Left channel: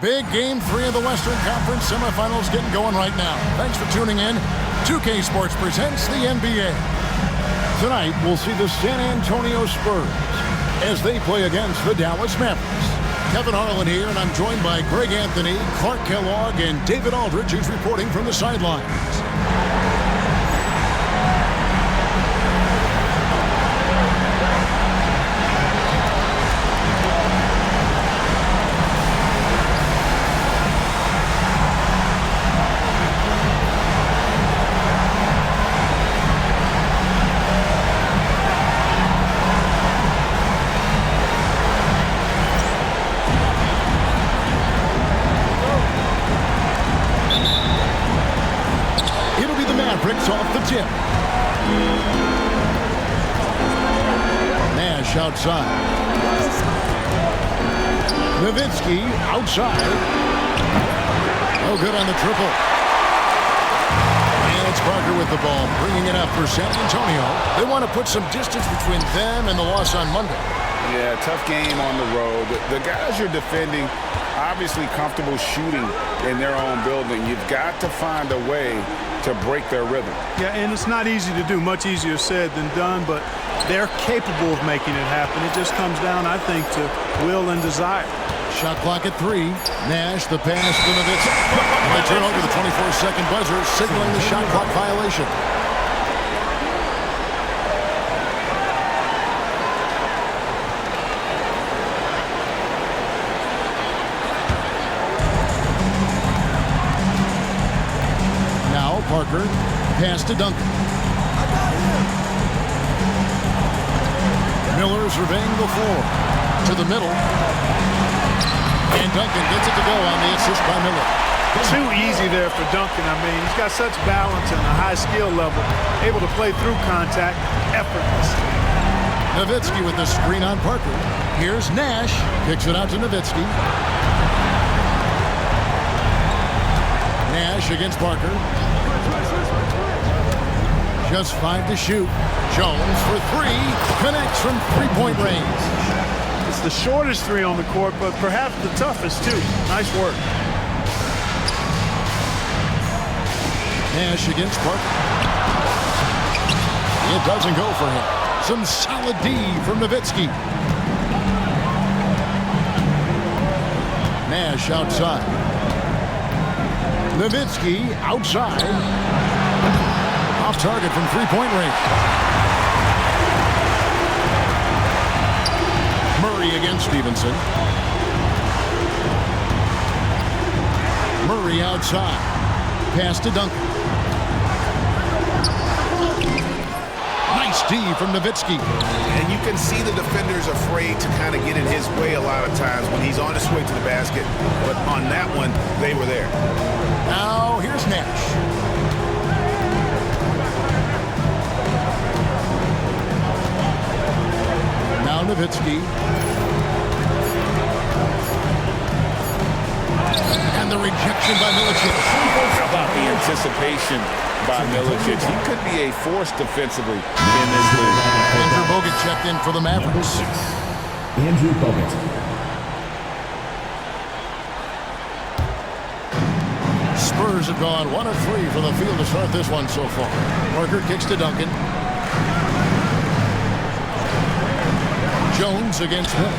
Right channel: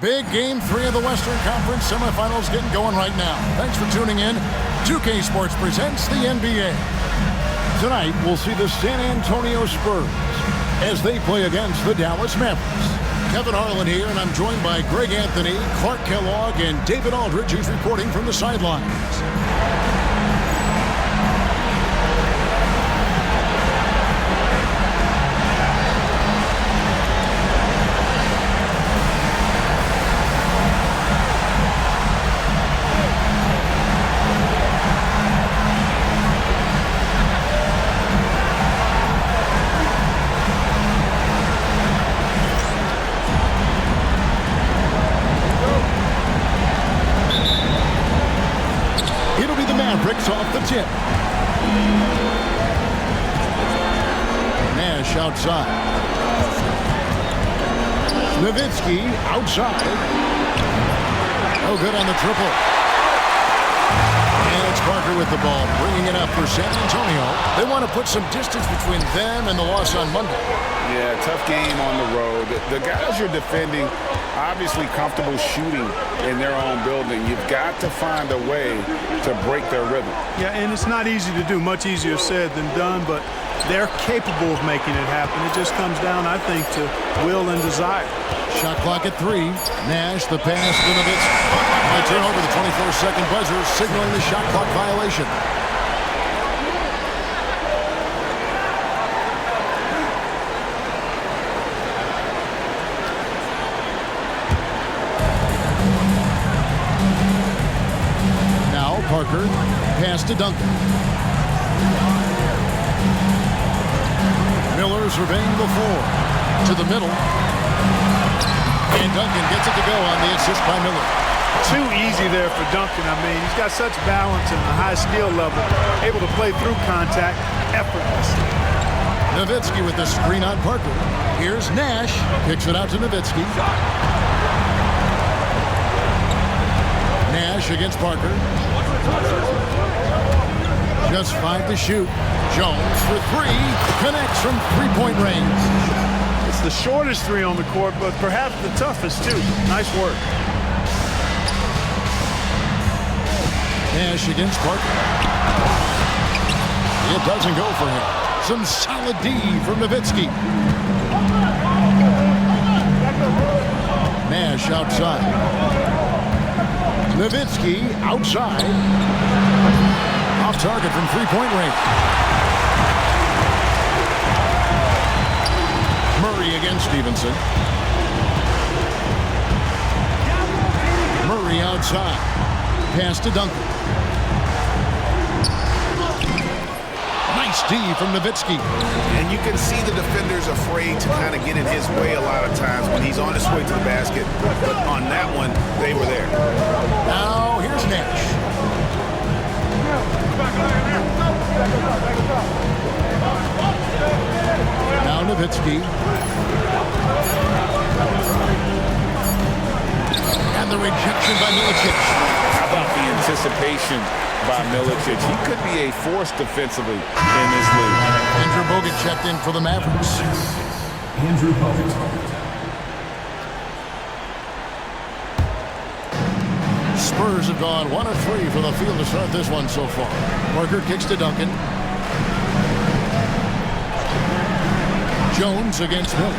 Big Game 3 of the Western Conference semifinals getting going right now. Thanks for tuning in. 2K Sports presents the NBA. Tonight, we'll see the San Antonio Spurs as they play against the Dallas Mavericks. Kevin Harlan here, and I'm joined by Greg Anthony, Clark Kellogg, and David Aldridge, who's reporting from the sidelines. Mavericks off the tip. Nash outside. Nowitzki outside. No good on the triple. And it's Parker with the ball, bringing it up for San Antonio. They want to put some distance between them and the loss on Monday. Yeah, tough game on the road. The guys you're defending, obviously comfortable shooting in their own building. You've got to find a way to break their rhythm. Yeah, and it's not easy to do. Much easier said than done, but they're capable of making it happen. It just comes down, I think, to will and desire. Shot clock at 3. Nash, the pass to Nowitzki. And they turn over the 24-second buzzer, signaling the shot clock violation. Parker, pass to Duncan. Miller surveying the floor. To the middle. And Duncan gets it to go on the assist by Miller. Too easy there for Duncan. I mean, he's got such balance and a high skill level. Able to play through contact effortlessly. Nowitzki with the screen on Parker. Here's Nash. Kicks it out to Nowitzki. Nash against Parker. Just 5 to shoot. Jones for 3. Connects from three-point range. It's the shortest 3 on the court, but perhaps the toughest, too. Nice work. Nash against Parker. It doesn't go for him. Some solid D from Nowitzki. Nash outside. Nowitzki outside. Off target from three-point range. Murray against Stevenson. Murray outside. Pass to Duncan. Nice D from Nowitzki. And you can see the defenders afraid to kind of get in his way a lot of times when he's on his way to the basket. But on that one, they were there. Now, here's Nash. Now Nowitzki. And the rejection by Milicic. How about the anticipation by Milicic? He could be a force defensively in this league. Andrew Bogut checked in for the Mavericks. Andrew Bogut. Spurs have gone 1 of 3 from the field to start this one so far. Parker kicks to Duncan. Jones against Miller.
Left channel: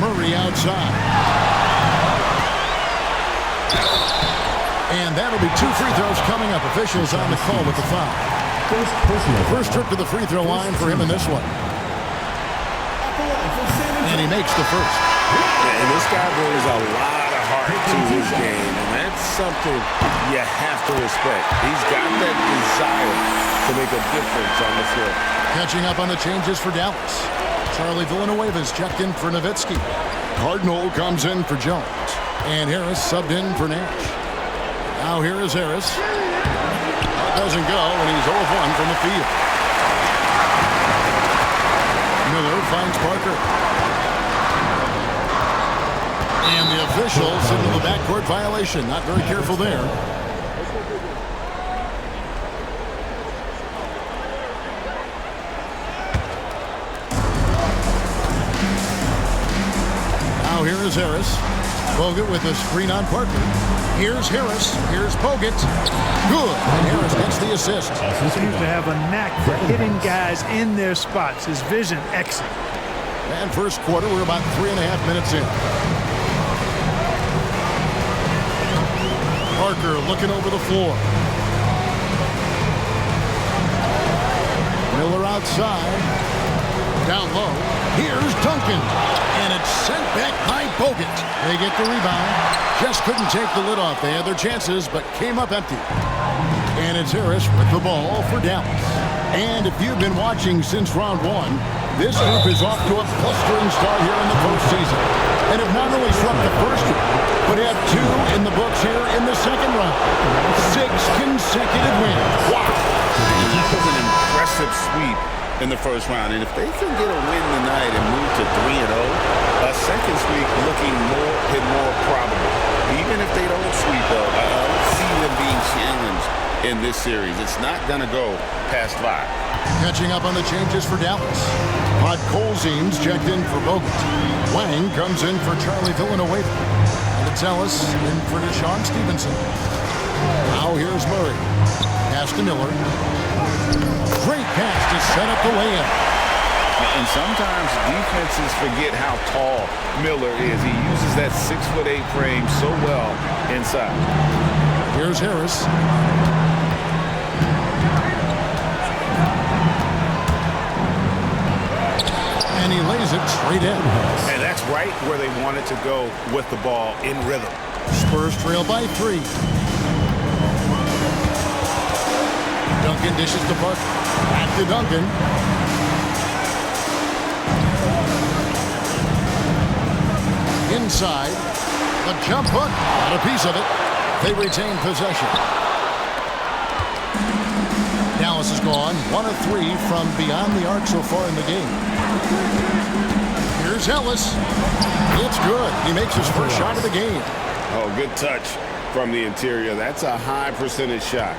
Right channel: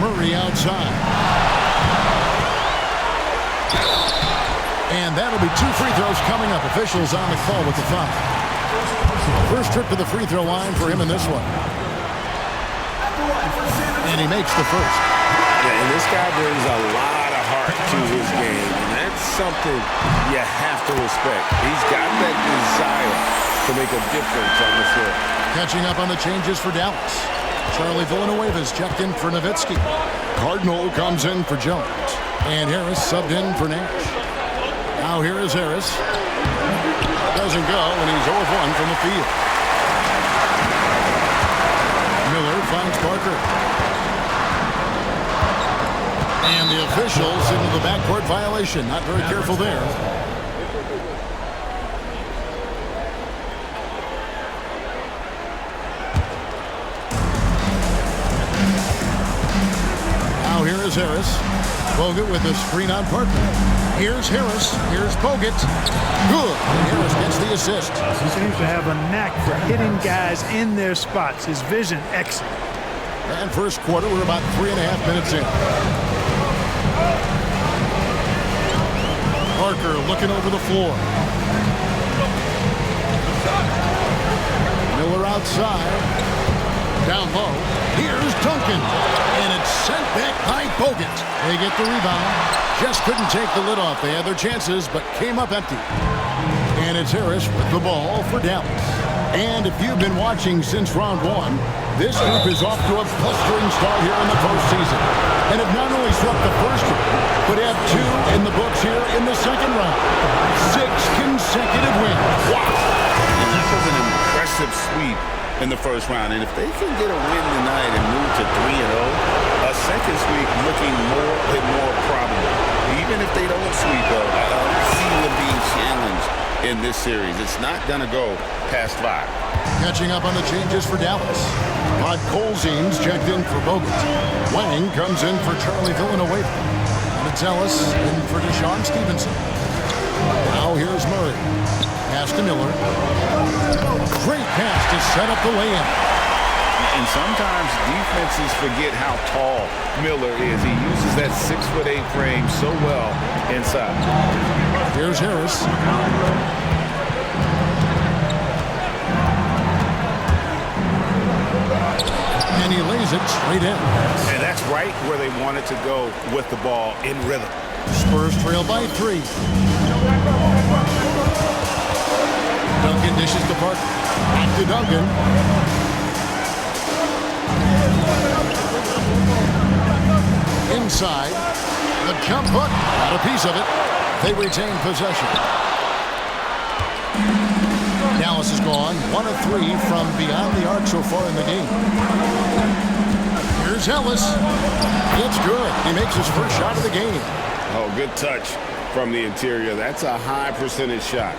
Murray outside. And that'll be 2 free throws coming up. Officials on the call with the foul. First trip to the free throw line for him in this one. And he makes the first. Yeah, and this guy brings a lot of heart to his game, and that's something you have to respect. He's got that desire to make a difference on the floor. Catching up on the changes for Dallas. Charlie Villanueva's checked in for Nowitzki. Cardinal comes in for Jones. And Harris subbed in for Nash. Now here is Harris. Doesn't go, and he's 0 of 1 from the field. Miller finds Parker. And the officials signal the backcourt violation. Not very careful there. is Harris. Bogut with a screen on Parker. Here's Harris. Here's Bogut. Good. And Harris gets the assist. He seems to have a knack for hitting guys in their spots. His vision, excellent. And first quarter, we're about 3.5 minutes in. Parker looking over the floor. Miller outside. Down low. Here's Duncan. And it's sent back by Bogut. They get the rebound. Just couldn't take the lid off. They had their chances, but came up empty. And it's Harris with the ball for Dallas. And if you've been watching since round one, this group is off to a blustering start here in the postseason. And have not only swept the first round, but have 2 in the books here in the second round. 6 consecutive wins. Wow. And that was an impressive sweep in the first round. And if they can get a win tonight and move to 3-0, a second sweep looking more and more probable. Even if they don't sweep, though, I don't see them being challenged in this series. It's not going to go past 5. Catching up on the changes for Dallas. Podkolzin's checked in for Bogut. Wang comes in for Charlie Villanueva. And it's Ellis in for Deshaun Stevenson. Now here's Murray. Pass to Miller. Great pass to set up the lay-in. And sometimes defenses forget how tall Miller is. He uses that 6'8" frame so well inside. Here's Harris. And he lays it straight in. And that's right where they wanted to go with the ball in rhythm. Spurs trail by 3. Duncan dishes to Parker. Back to Duncan. Inside. The jump hook. Got a piece of it. They retain possession. Dallas has gone 1 of 3 from beyond the arc so far in the game. Here's Ellis. It's good. He makes his first shot of the game. Oh, good touch from the interior. That's a high percentage shot.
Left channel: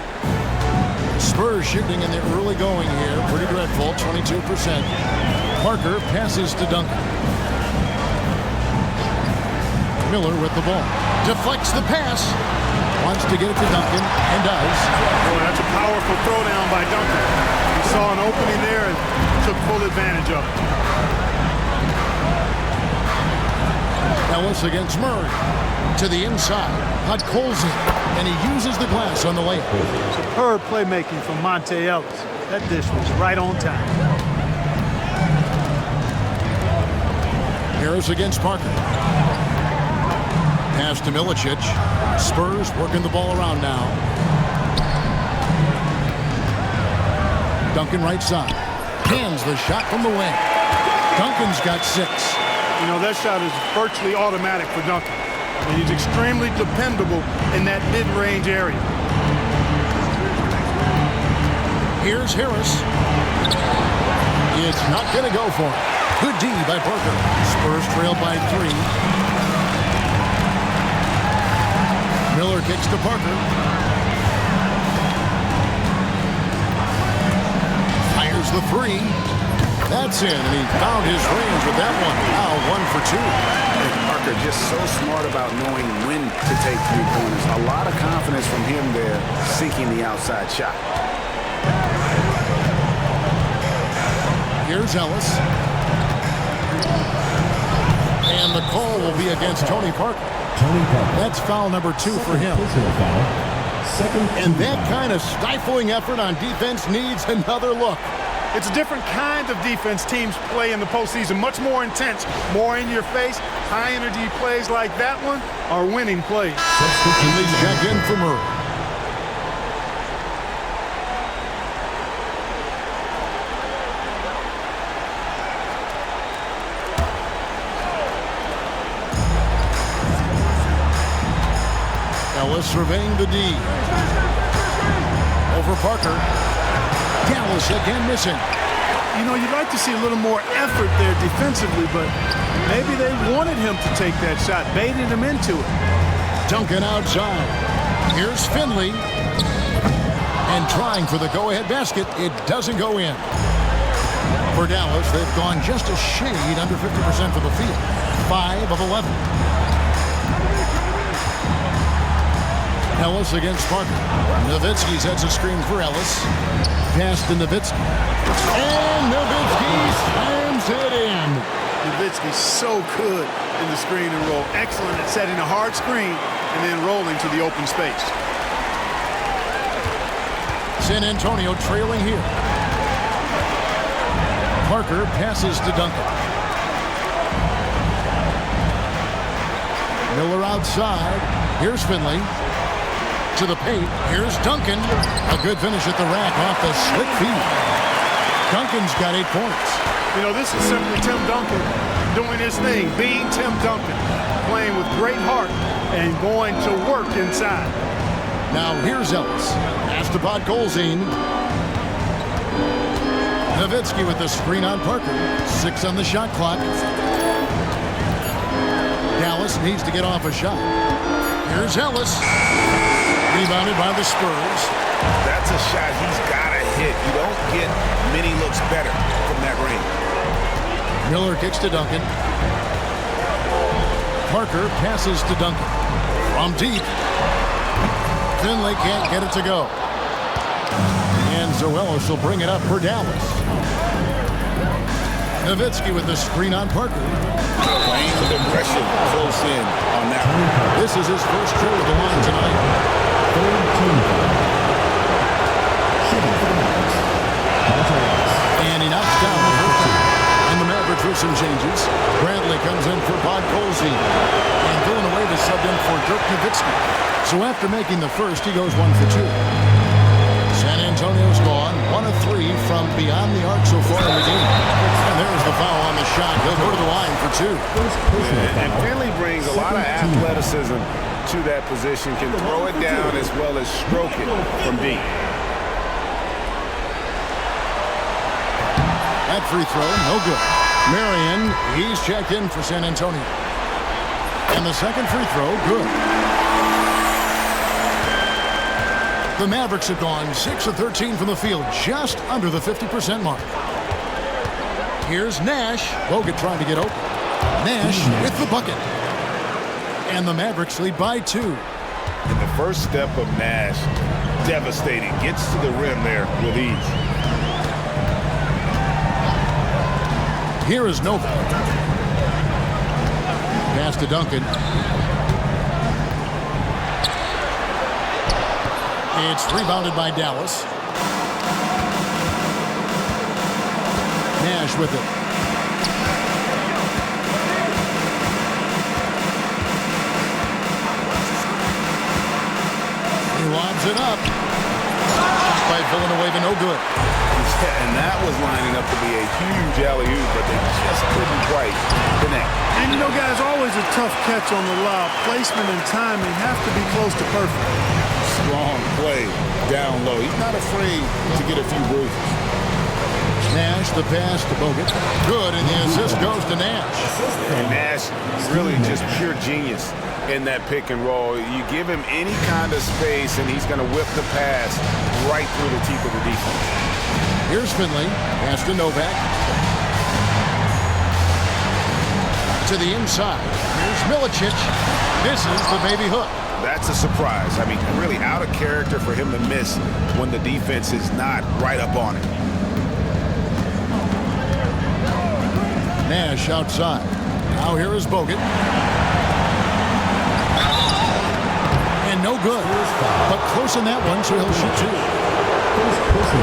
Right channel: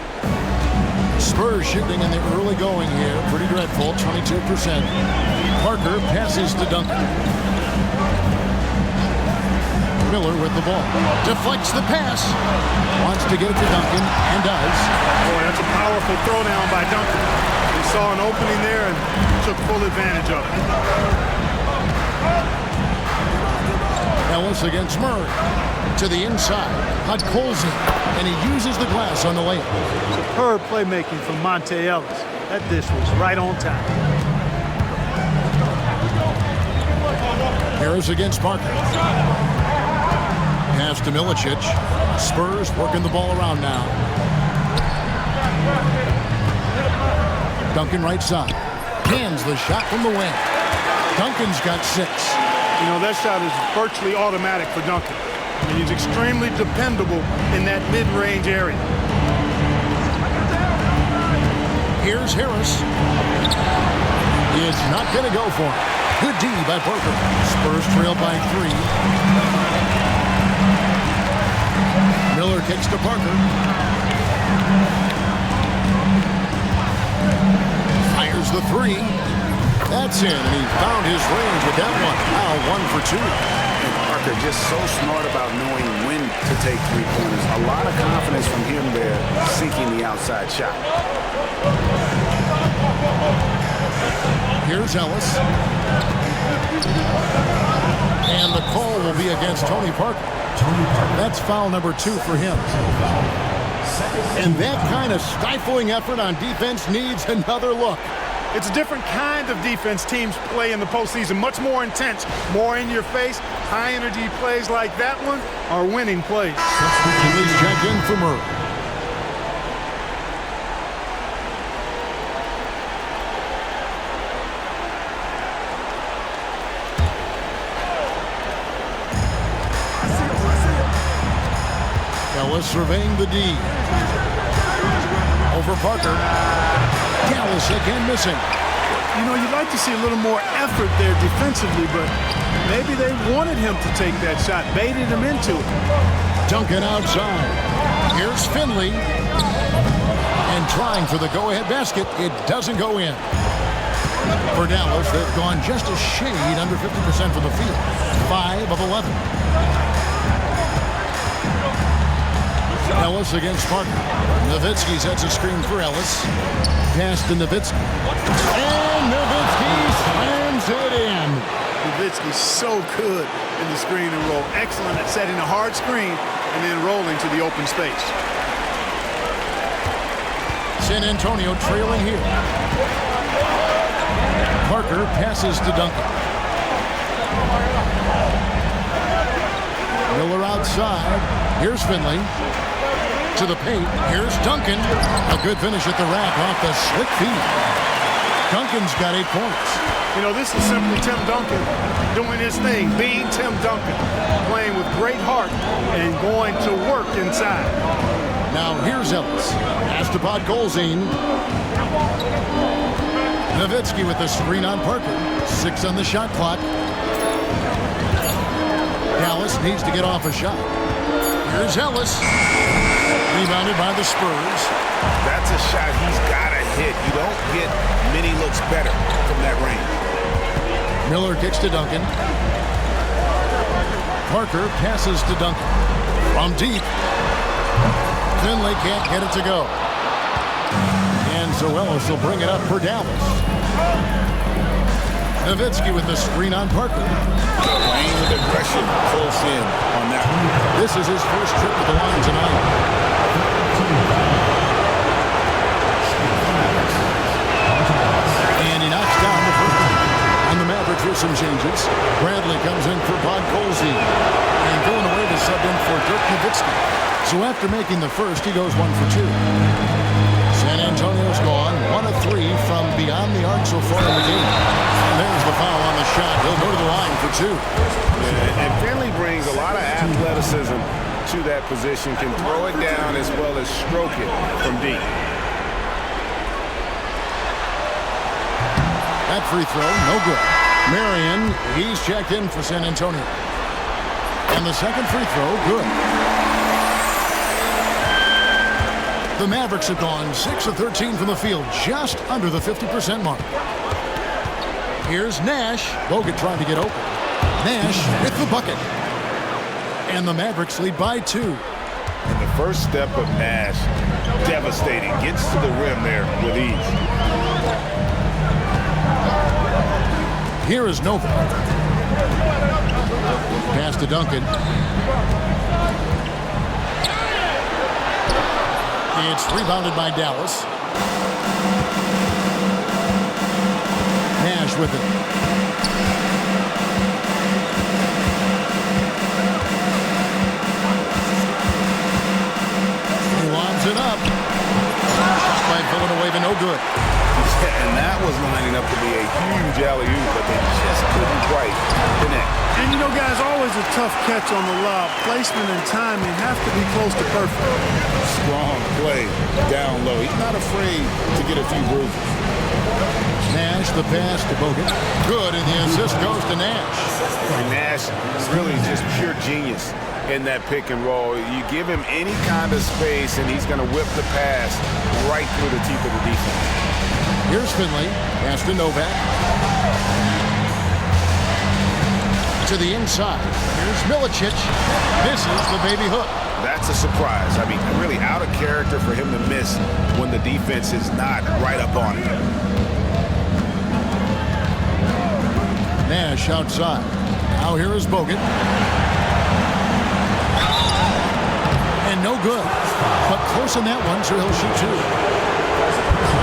Spurs shooting in the early going here. Pretty dreadful, 22%. Parker passes to Duncan. Miller with the ball. Deflects the pass. Wants to get it to Duncan, and does. Boy, that's a powerful throwdown by Duncan. He saw an opening there and took full advantage of it. Ellis against Murray. To the inside. Podkolzin. And he uses the glass on the layup. Superb playmaking from Monte Ellis. That dish was right on time. Harris against Parker. Pass to Milicic. Spurs working the ball around now. Duncan right side. Hands the shot from the wing. Duncan's got 6. You know, that shot is virtually automatic for Duncan. I mean, he's extremely dependable in that mid-range area. Here's Harris. It's not going to go for him. Good D by Parker. Spurs trail by 3. Miller kicks to Parker. Fires the 3. That's in, and he found his range with that one. Now 1 for 2. And Parker just so smart about knowing when to take three-pointers. A lot of confidence from him there, sinking the outside shot. Here's Ellis. And the call will be against Tony Parker. That's foul number 2 for him. And that kind of stifling effort on defense needs another look. It's a different kind of defense teams play in the postseason. Much more intense, more in your face. High-energy plays like that one are winning plays. And Lee's checked in for Murray. Ellis surveying the D. Over Parker. Dallas again missing. You know, you'd like to see a little more effort there defensively, but maybe they wanted him to take that shot, baited him into it. Duncan outside. Here's Finley. And trying for the go-ahead basket. It doesn't go in. For Dallas, they've gone just a shade under 50% from the field. 5 of 11. Ellis against Parker. Nowitzki sets a screen for Ellis. Pass to Nowitzki. And Nowitzki slams it in. Nowitzki's so good in the screen and roll. Excellent at setting a hard screen and then rolling to the open space. San Antonio trailing here. Parker passes to Duncan. Miller outside. Here's Finley. To the paint. Here's Duncan. A good finish at the rack off the slick feed. Duncan's got 8 points. You know, this is simply Tim Duncan doing his thing, being Tim Duncan, playing with great heart and going to work inside. Now here's Ellis. Pass to Podkolzin. Nowitzki with the screen on Parker. 6 on the shot clock. Dallas needs to get off a shot. Here's Ellis. Rebounded by the Spurs. That's a shot he's got to hit. You don't get many looks better from that range. Miller kicks to Duncan. Parker passes to Duncan. From deep. Finley can't get it to go. And Ellis will bring it up for Dallas. Nowitzki with the screen on Parker. Playing with aggression close in on that one. This is his first trip to the line tonight. And he knocks down the first one. On the Mavericks with some changes. Bradley comes in for Podkolzin. And Villanueva subbed in for Dirk Nowitzki. So after making the first, he goes 1 for 2. San Antonio's gone 1 of 3 from beyond the arc so far in the game. And there's the foul on the shot. He'll go to the line for 2. And Finley brings a lot of athleticism to that position, can throw it down as well as stroke it from deep. That free throw, no good. Marion, he's checked in for San Antonio. And the second free throw, good. The Mavericks have gone 6 of 13 from the field, just under the 50% mark. Here's Nash. Bogut trying to get open. Nash with the bucket. And the Mavericks lead by 2. And the first step of Nash, devastating. Gets to the rim there with ease. Here is Novak. Pass to Duncan. It's rebounded by Dallas. Nash with it. He lobs it up. Shot by Villanueva, no good. Yeah, and that was lining up to be a huge alley-oop, but they just couldn't quite connect. And you know, guys, always a tough catch on the lob. Placement and timing have to be close to perfect. Strong play down low. He's not afraid to get a few bruises. Nash, the pass to Bogut. Good, and the assist goes to Nash. And Nash really just pure genius in that pick and roll. You give him any kind of space, and he's going to whip the pass right through the teeth of the defense. Here's Finley. Pass to Novak. To the inside. Here's Milicic. This is the baby hook. That's a surprise. I mean, really out of character for him to miss when the defense is not right up on it. Nash outside. Now here is Bogut. And no good. But close in that one, so he'll shoot 2.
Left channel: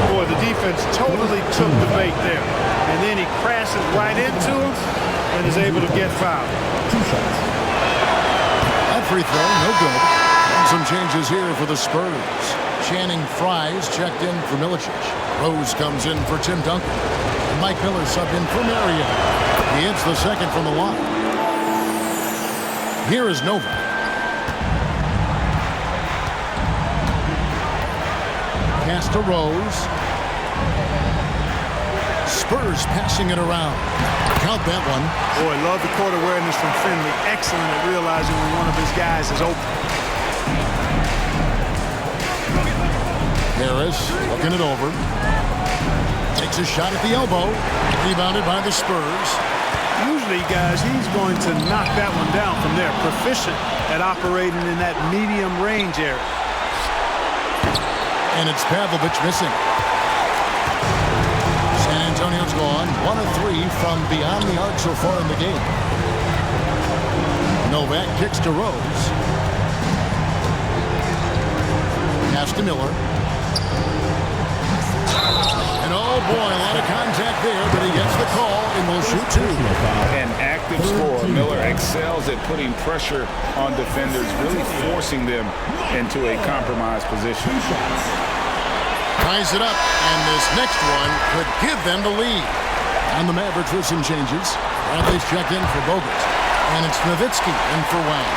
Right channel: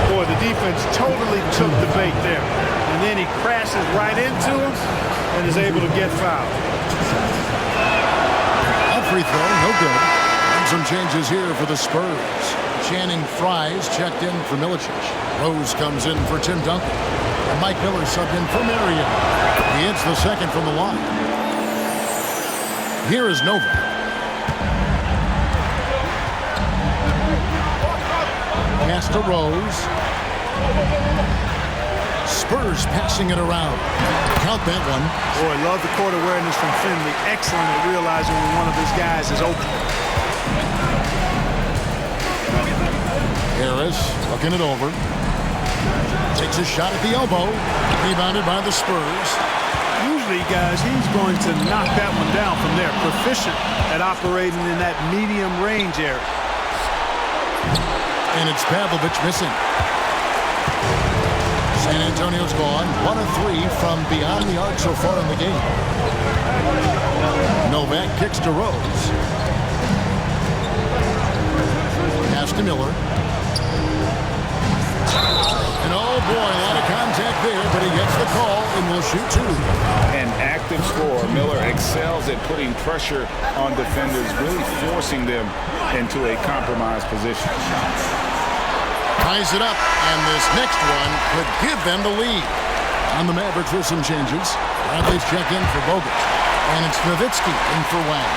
Boy, the defense totally took the bait there. And then he crashes right into him and is able to get fouled. A free throw, no good. And some changes here for the Spurs. Channing Fries checked in for Milicic. Rose comes in for Tim Duncan. And Mike Miller subbed in for Marion. He hits the second from the line. Here is Novak. Pass to Rose. Spurs passing it around. Count that one. Boy, love the court awareness from Finley. Excellent at realizing when one of his guys is open. Harris looking it over. Takes a shot at the elbow. Rebounded by the Spurs. Usually, guys, he's going to knock that one down from there. Proficient at operating in that medium range area. And it's Pavlovich missing. San Antonio's gone 1 of 3 from beyond the arc so far in the game. Novak kicks to Rose. Pass to Miller. And oh boy, a lot of contact there, but he gets the call and will shoot 2. An active scorer. Miller excels at putting pressure on defenders, really forcing them into a compromised position. Ties it up, and this next one could give them the lead. On the Mavericks with some changes. Bradley's checked in for Bogut. And it's Nowitzki in for Wang.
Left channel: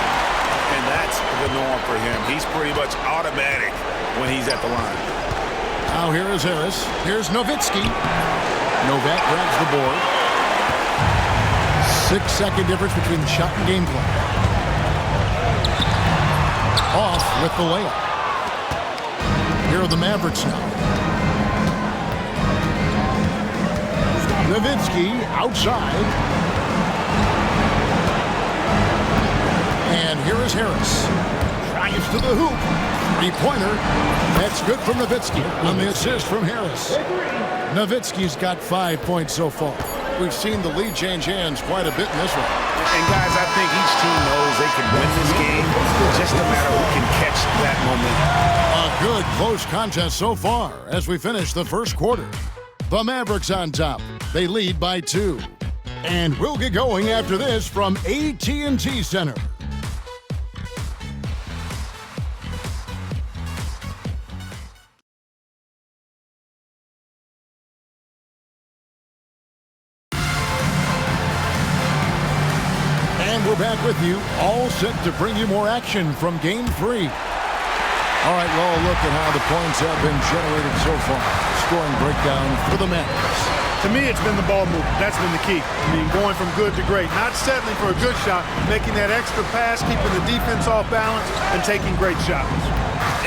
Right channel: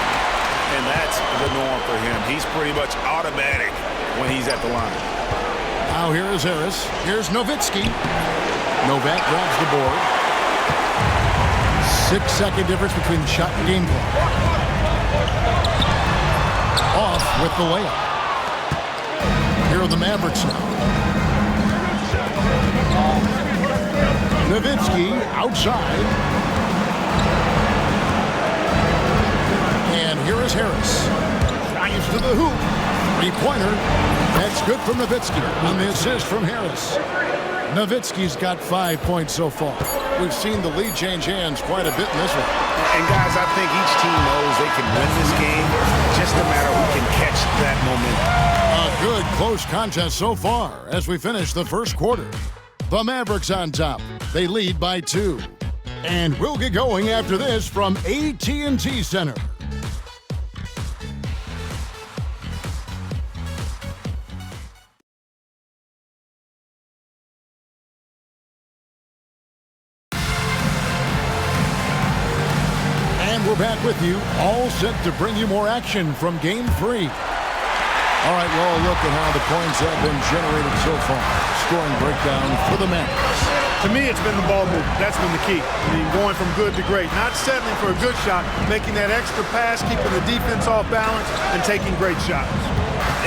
And that's the norm for him. He's pretty much automatic when he's at the line. Now here is Harris. Here's Nowitzki. Novak grabs the board. 6-second difference between the shot and game clock. Off with the layup. Here are the Mavericks now. Nowitzki outside. And here is Harris. Drives to the hoop. Three-pointer. That's good from Nowitzki on the assist from Harris. Nowitzki's got 5 points so far. We've seen the lead change hands quite a bit in this one. And guys, I think each team knows they can win this game. Just a matter who can catch that momentum. A good close contest so far as we finish the first quarter. The Mavericks on top. They lead by 2. And we'll get going after this from AT&T Center. And we're back with you, all set to bring you more action from Game 3. All right, well, look at how the points have been generated so far. Scoring breakdown for the Mavericks. To me, it's been the ball movement. That's been the key. I mean, going from good to great. Not settling for a good shot, making that extra pass, keeping the defense off balance, and taking great shots.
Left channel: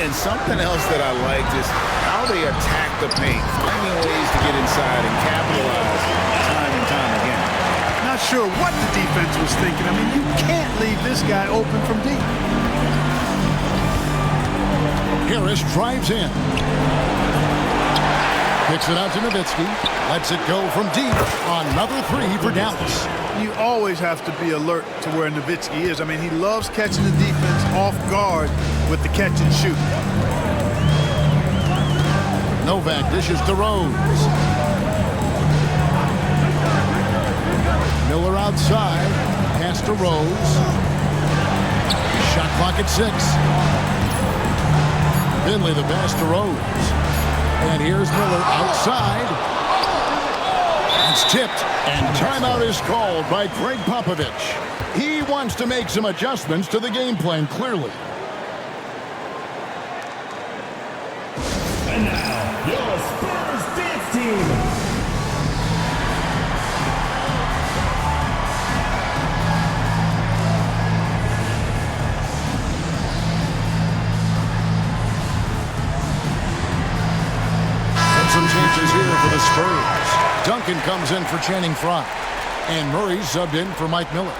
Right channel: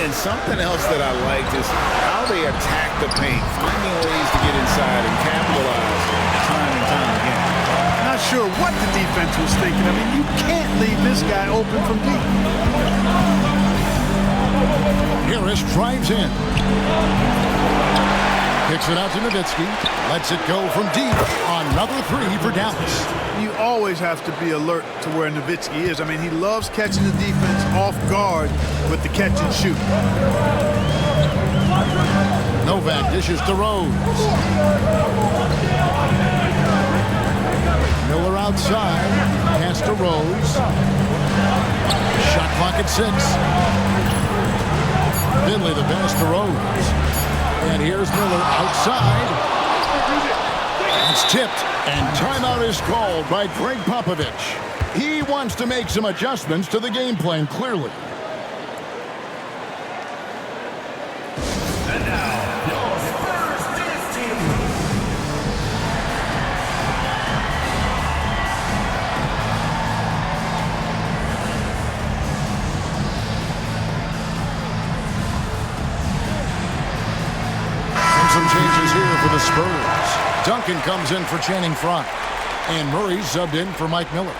And something else that I liked is how they attack the paint, finding ways to get inside and capitalize time and time again. Not sure what the defense was thinking. I mean, you can't leave this guy open from deep. Harris drives in. Kicks it out to Nowitzki. Lets it go from deep. Another 3 for Dallas. You always have to be alert to where Nowitzki is. I mean, he loves catching the defense off guard with the catch and shoot. Novak dishes to Rose. Miller outside. Pass to Rose. Shot clock at 6. Finley the pass to Rose. And here's Miller outside. It's tipped, and timeout is called by Greg Popovich. He wants to make some adjustments to the game plan, clearly. And now, your Spurs dance team. Some changes here for the Spurs. Duncan comes in for Channing Frye. And Murray subbed in for Mike Miller.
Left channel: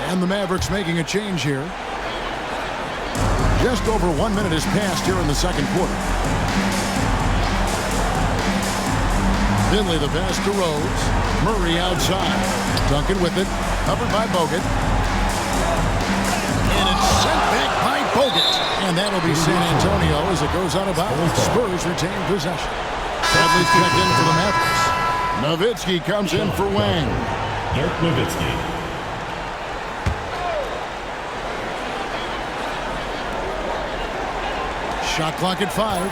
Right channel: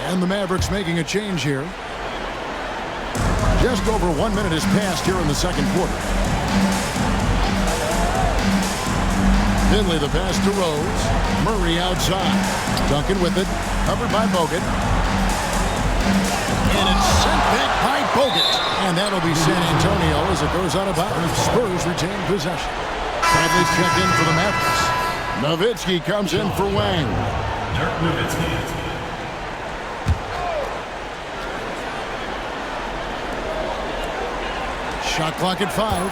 And the Mavericks making a change here. Just over 1 minute has passed here in the second quarter. Finley the pass to Rose. Murray outside. Duncan with it. Covered by Bogut. And it's sent back by Bogut. And that'll be San Antonio as it goes out of bounds. Spurs retain possession. Bradley's checked in for the Mavericks. Nowitzki comes in for Wang. Dirk Nowitzki. Shot clock at 5.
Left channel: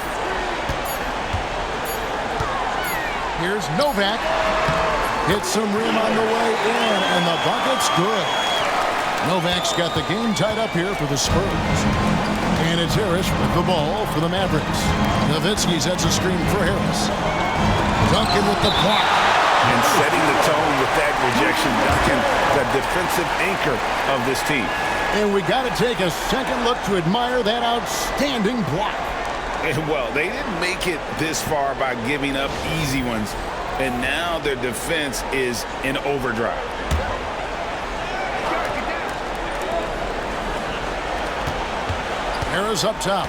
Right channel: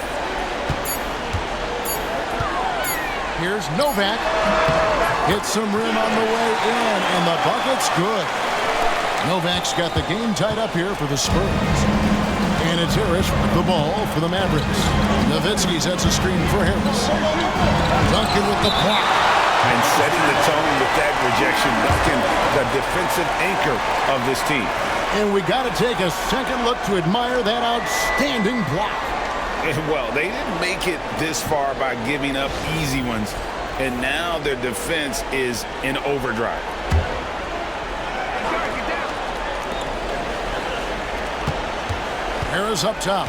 Here's Novak. Hits some rim on the way in, and the bucket's good. Novak's got the game tied up here for the Spurs. And it's Harris with the ball for the Mavericks. Nowitzki sets a screen for Harris. Duncan with the block. And setting the tone with that rejection, Duncan, the defensive anchor of this team. And we got to take a second look to admire that outstanding block. And well, they didn't make it this far by giving up easy ones. And now their defense is in overdrive. Harris up top.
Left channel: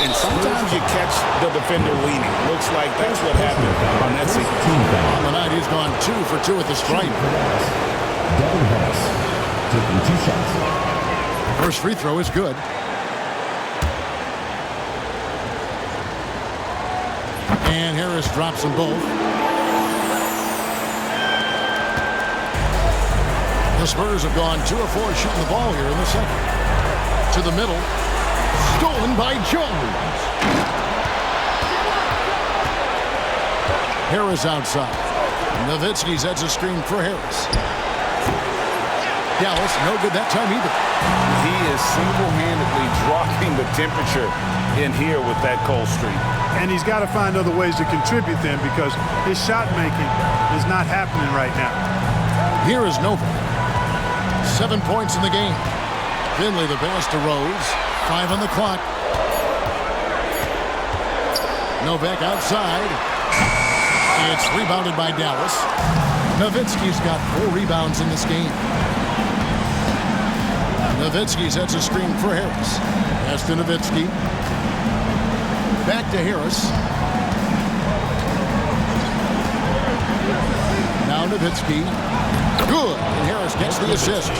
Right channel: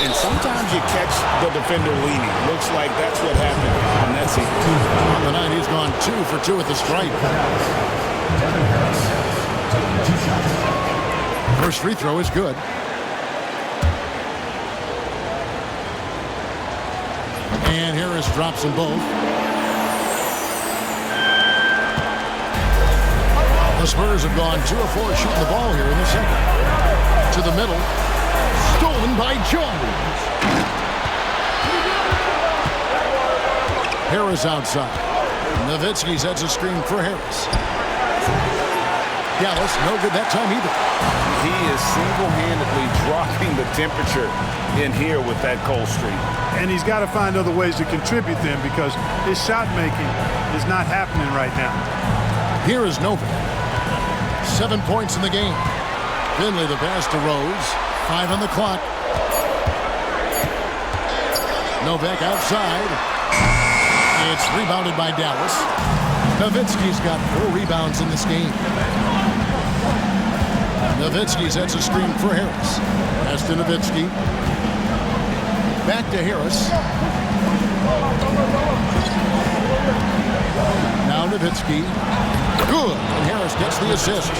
And sometimes you catch the defender leaning. Looks like that's what happened on that sequence. On the night, he's gone 2 for 2 at the stripe. Devin Harris taking 2 shots. First free throw is good. And Harris drops them both. The Spurs have gone 2 of 4 shooting the ball here in the second. To the middle. Stolen by Jones. Harris outside. Nowitzki sets a screen for Harris. Dallas, no good that time either. He is single-handedly dropping the temperature in here with that cold streak. And he's got to find other ways to contribute then, because his shot making is not happening right now. Here is Novak. 7 points in the game. Finley the pass to Rose. 5 on the clock. Novak outside. It's rebounded by Dallas. Nowitzki's got 4 rebounds in this game. Nowitzki sets a screen for Harris. Pass to Nowitzki. Back to Harris. Now Nowitzki. Good. And Harris gets the assist.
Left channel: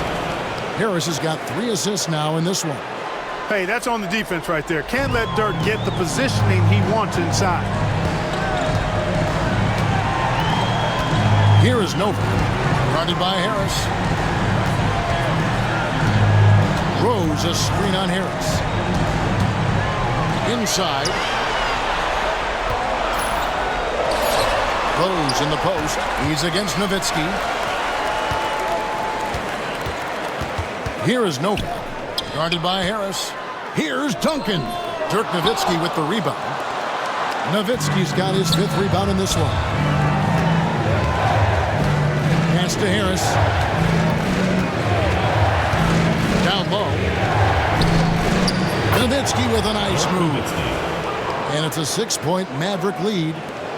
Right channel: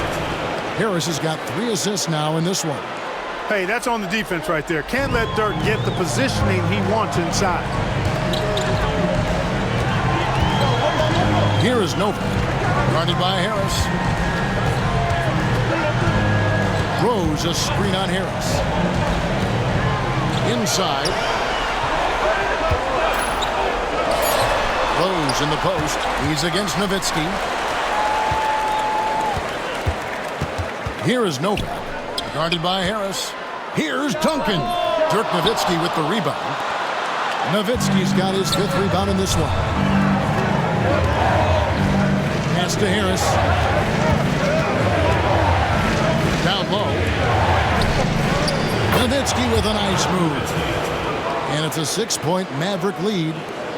Harris has got 3 assists now in this one. Hey, that's on the defense right there. Can't let Dirk get the positioning he wants inside. Here is Novak. Guarded by Harris. Rose a screen on Harris. Inside. Rose in the post. He's against Nowitzki. Here is Novak. Guarded by Harris. Here's Duncan. Dirk Nowitzki with the rebound. Nowitzki's got his 5th rebound in this one. Pass to Harris. Down low. Nowitzki with a nice move. And it's a 6-point Maverick lead.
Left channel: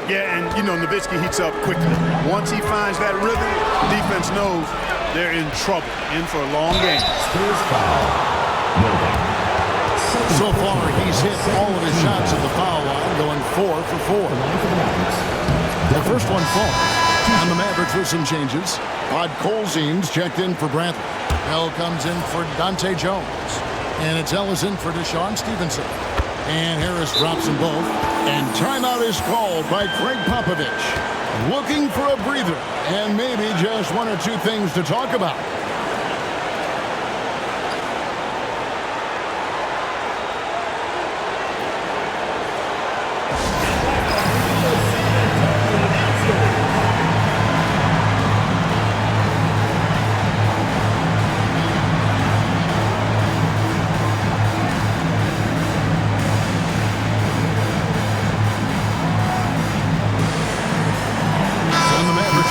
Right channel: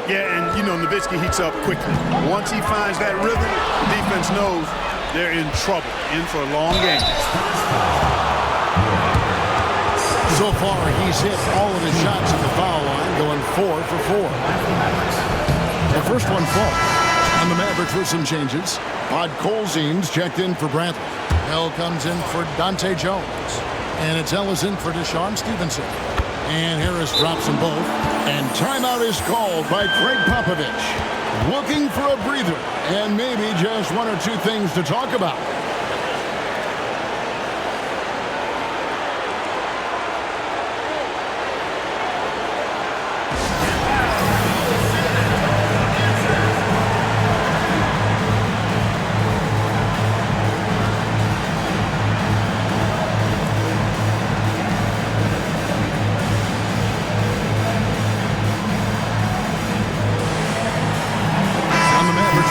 Yeah, and you know, Nowitzki heats up quickly. Once he finds that rhythm, defense knows they're in trouble, in for a long game. So far, he's hit all of his shots at the foul line, going 4 for 4. The first one falls, and the Mavericks with some changes. Odd Colzine's checked in for Bradley. Bell comes in for Dante Jones. And it's Ellis in for Deshaun Stevenson. And Harris drops them both. And timeout is called by Craig Popovich. Looking for a breather and maybe just 1 or 2 things to talk about.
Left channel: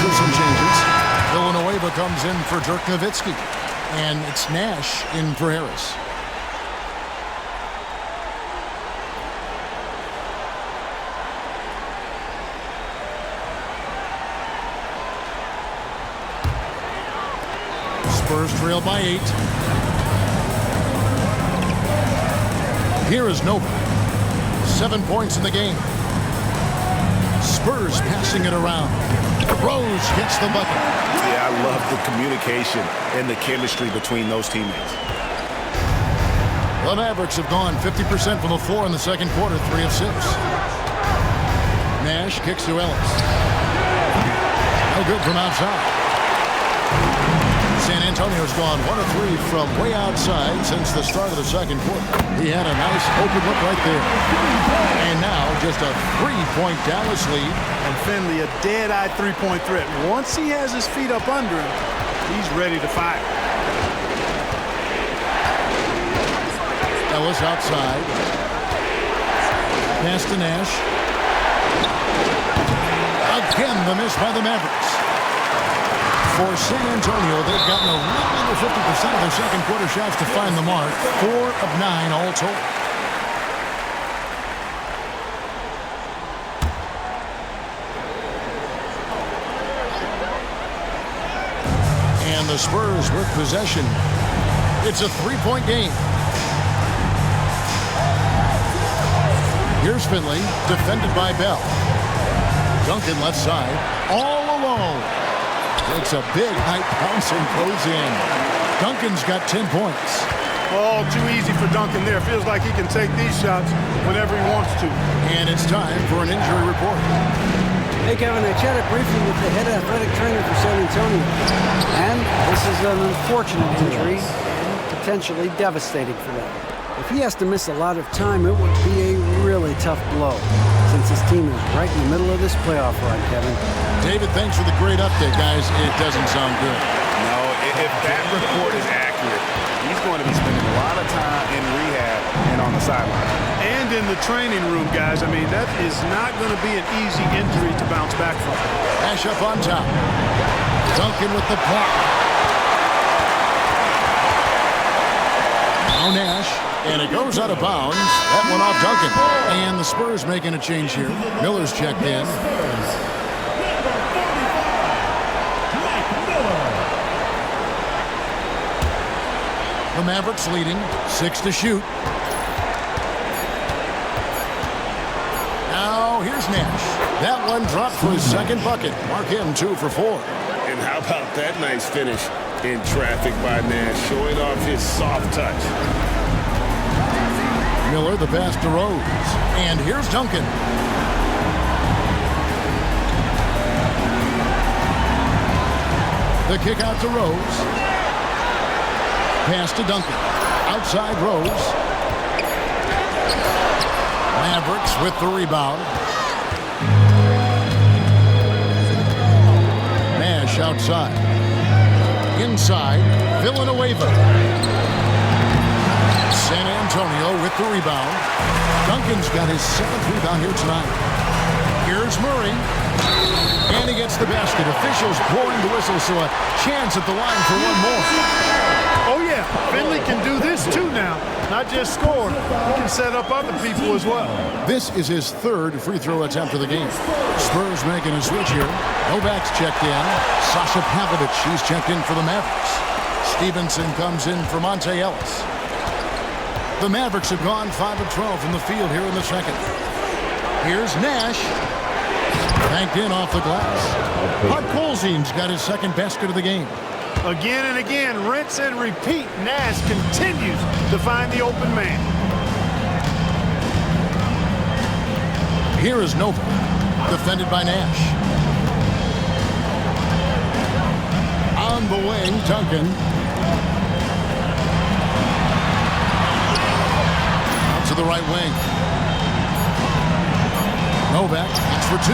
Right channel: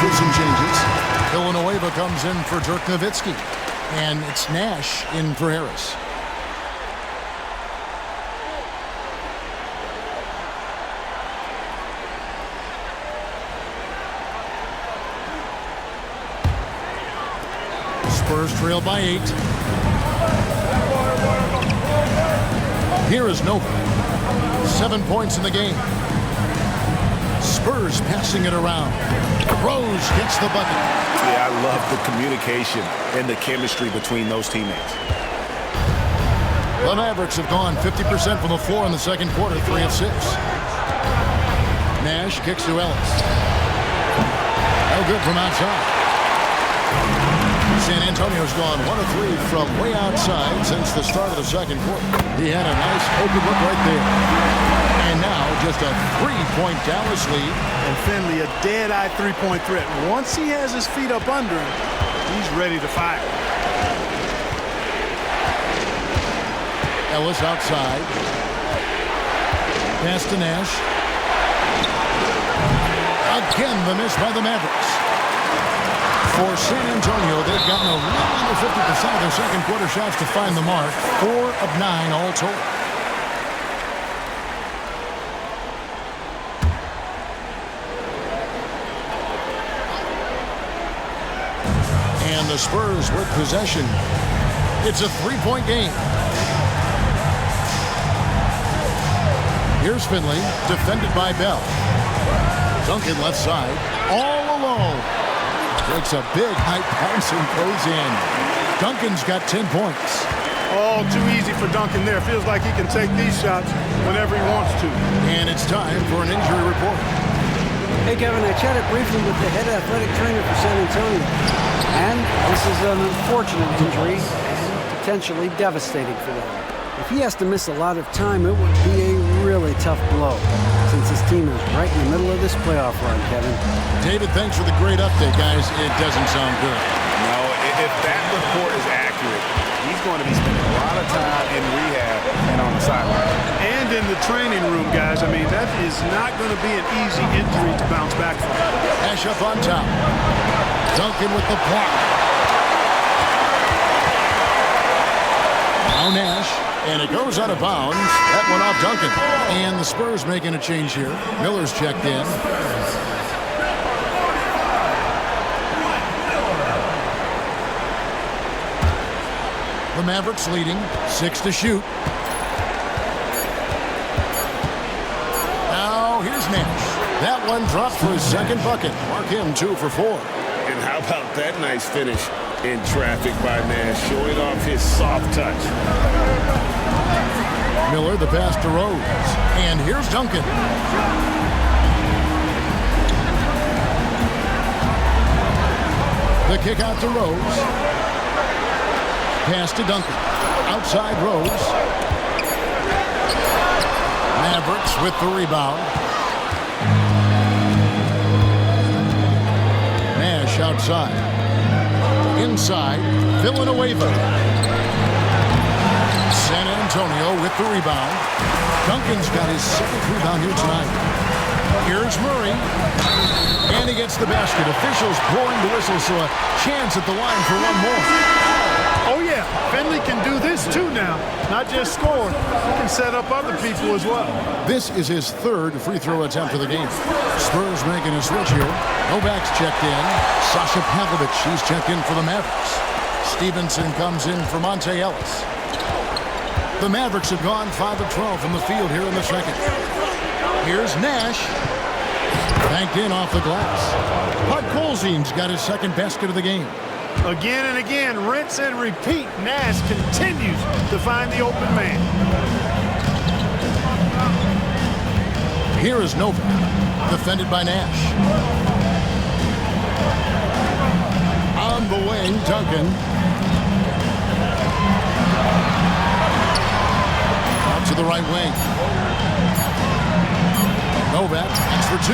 With some changes. Villanueva comes in for Dirk Nowitzki. And it's Nash in for Harris. Spurs trail by 8. Here is Novak. 7 points in the game. Spurs passing it around. Rose gets the bucket. Yeah, I love the communication and the chemistry between those teammates. The Mavericks have gone 50% from the floor in the second quarter, 3 of 6. Nash kicks to Ellis. No good from outside. San Antonio's gone 1 of 3 from way outside since the start of the second quarter. He had a nice open look right there. And now just a 3-point Dallas lead. And Finley, a dead-eye 3-point threat. Once he has his feet up under him, he's ready to fire. Ellis outside. Pass to Nash. Again, the miss by the Mavericks. For San Antonio, they've gotten a little under 50% of their second quarter shots to find the mark. 4 of 9 all told. And the Spurs with possession. It's a 3-point game. Here's Finley, defended by Bell. Duncan left side, all alone. Takes a big high bounce and goes in. Duncan's got 10 points. All too easy for Duncan there. Feels like he can take these shots whenever he wants to. And it's time for an injury report. Hey, Kevin, I chatted briefly with the head athletic trainer for San Antonio. And this is an unfortunate injury and potentially devastating for them. If he has to miss a lot of time, it would be a really tough blow, since his team is right in the middle of this playoff run, Kevin. David, thanks for the great update, guys. It doesn't sound good. No, if that report is accurate, he's going to be spending a lot of time in rehab and on the sideline. And in the training room, guys. I mean, that is not going to be an easy injury to bounce back from. Nash up on top. Duncan with the block. Now Nash, and it goes out of bounds. That one off Duncan. And the Spurs making a change here. Miller's checked in. The Mavericks leading, 6 to shoot. Now here's Nash. That one dropped for his second bucket. Mark him 2 for 4. And how about that nice finish in traffic by Nash, showing off his soft touch. Miller, the pass to Rose. And here's Duncan. The kick out to Rose. Pass to Duncan. Outside Rose. Mavericks with the rebound. Nash outside. Inside, Villanueva. San Antonio with the rebound. Duncan's got his 7th rebound here tonight. Here's Murray. And he gets the basket. Officials blowing the whistle, so a chance at the line for one more. Oh, yeah. Finley can do this, too, now. Not just score. He can set up other people as well. This is his 3rd free throw attempt of the game. Spurs making a switch here. Novak's checked in. Sasha Pavlovich, she's checked in for the Mavericks. Stevenson comes in for Monte Ellis. The Mavericks have gone 5 of 12 from the field here in the second. Here's Nash. Banked in off the glass. Podkolzin's got his 2nd basket of the game. Again and again, rinse and repeat. Nash continues to find the open man. Here is Novak, defended by Nash. On the wing, Duncan. Out to the right wing. Novak, that's for 2.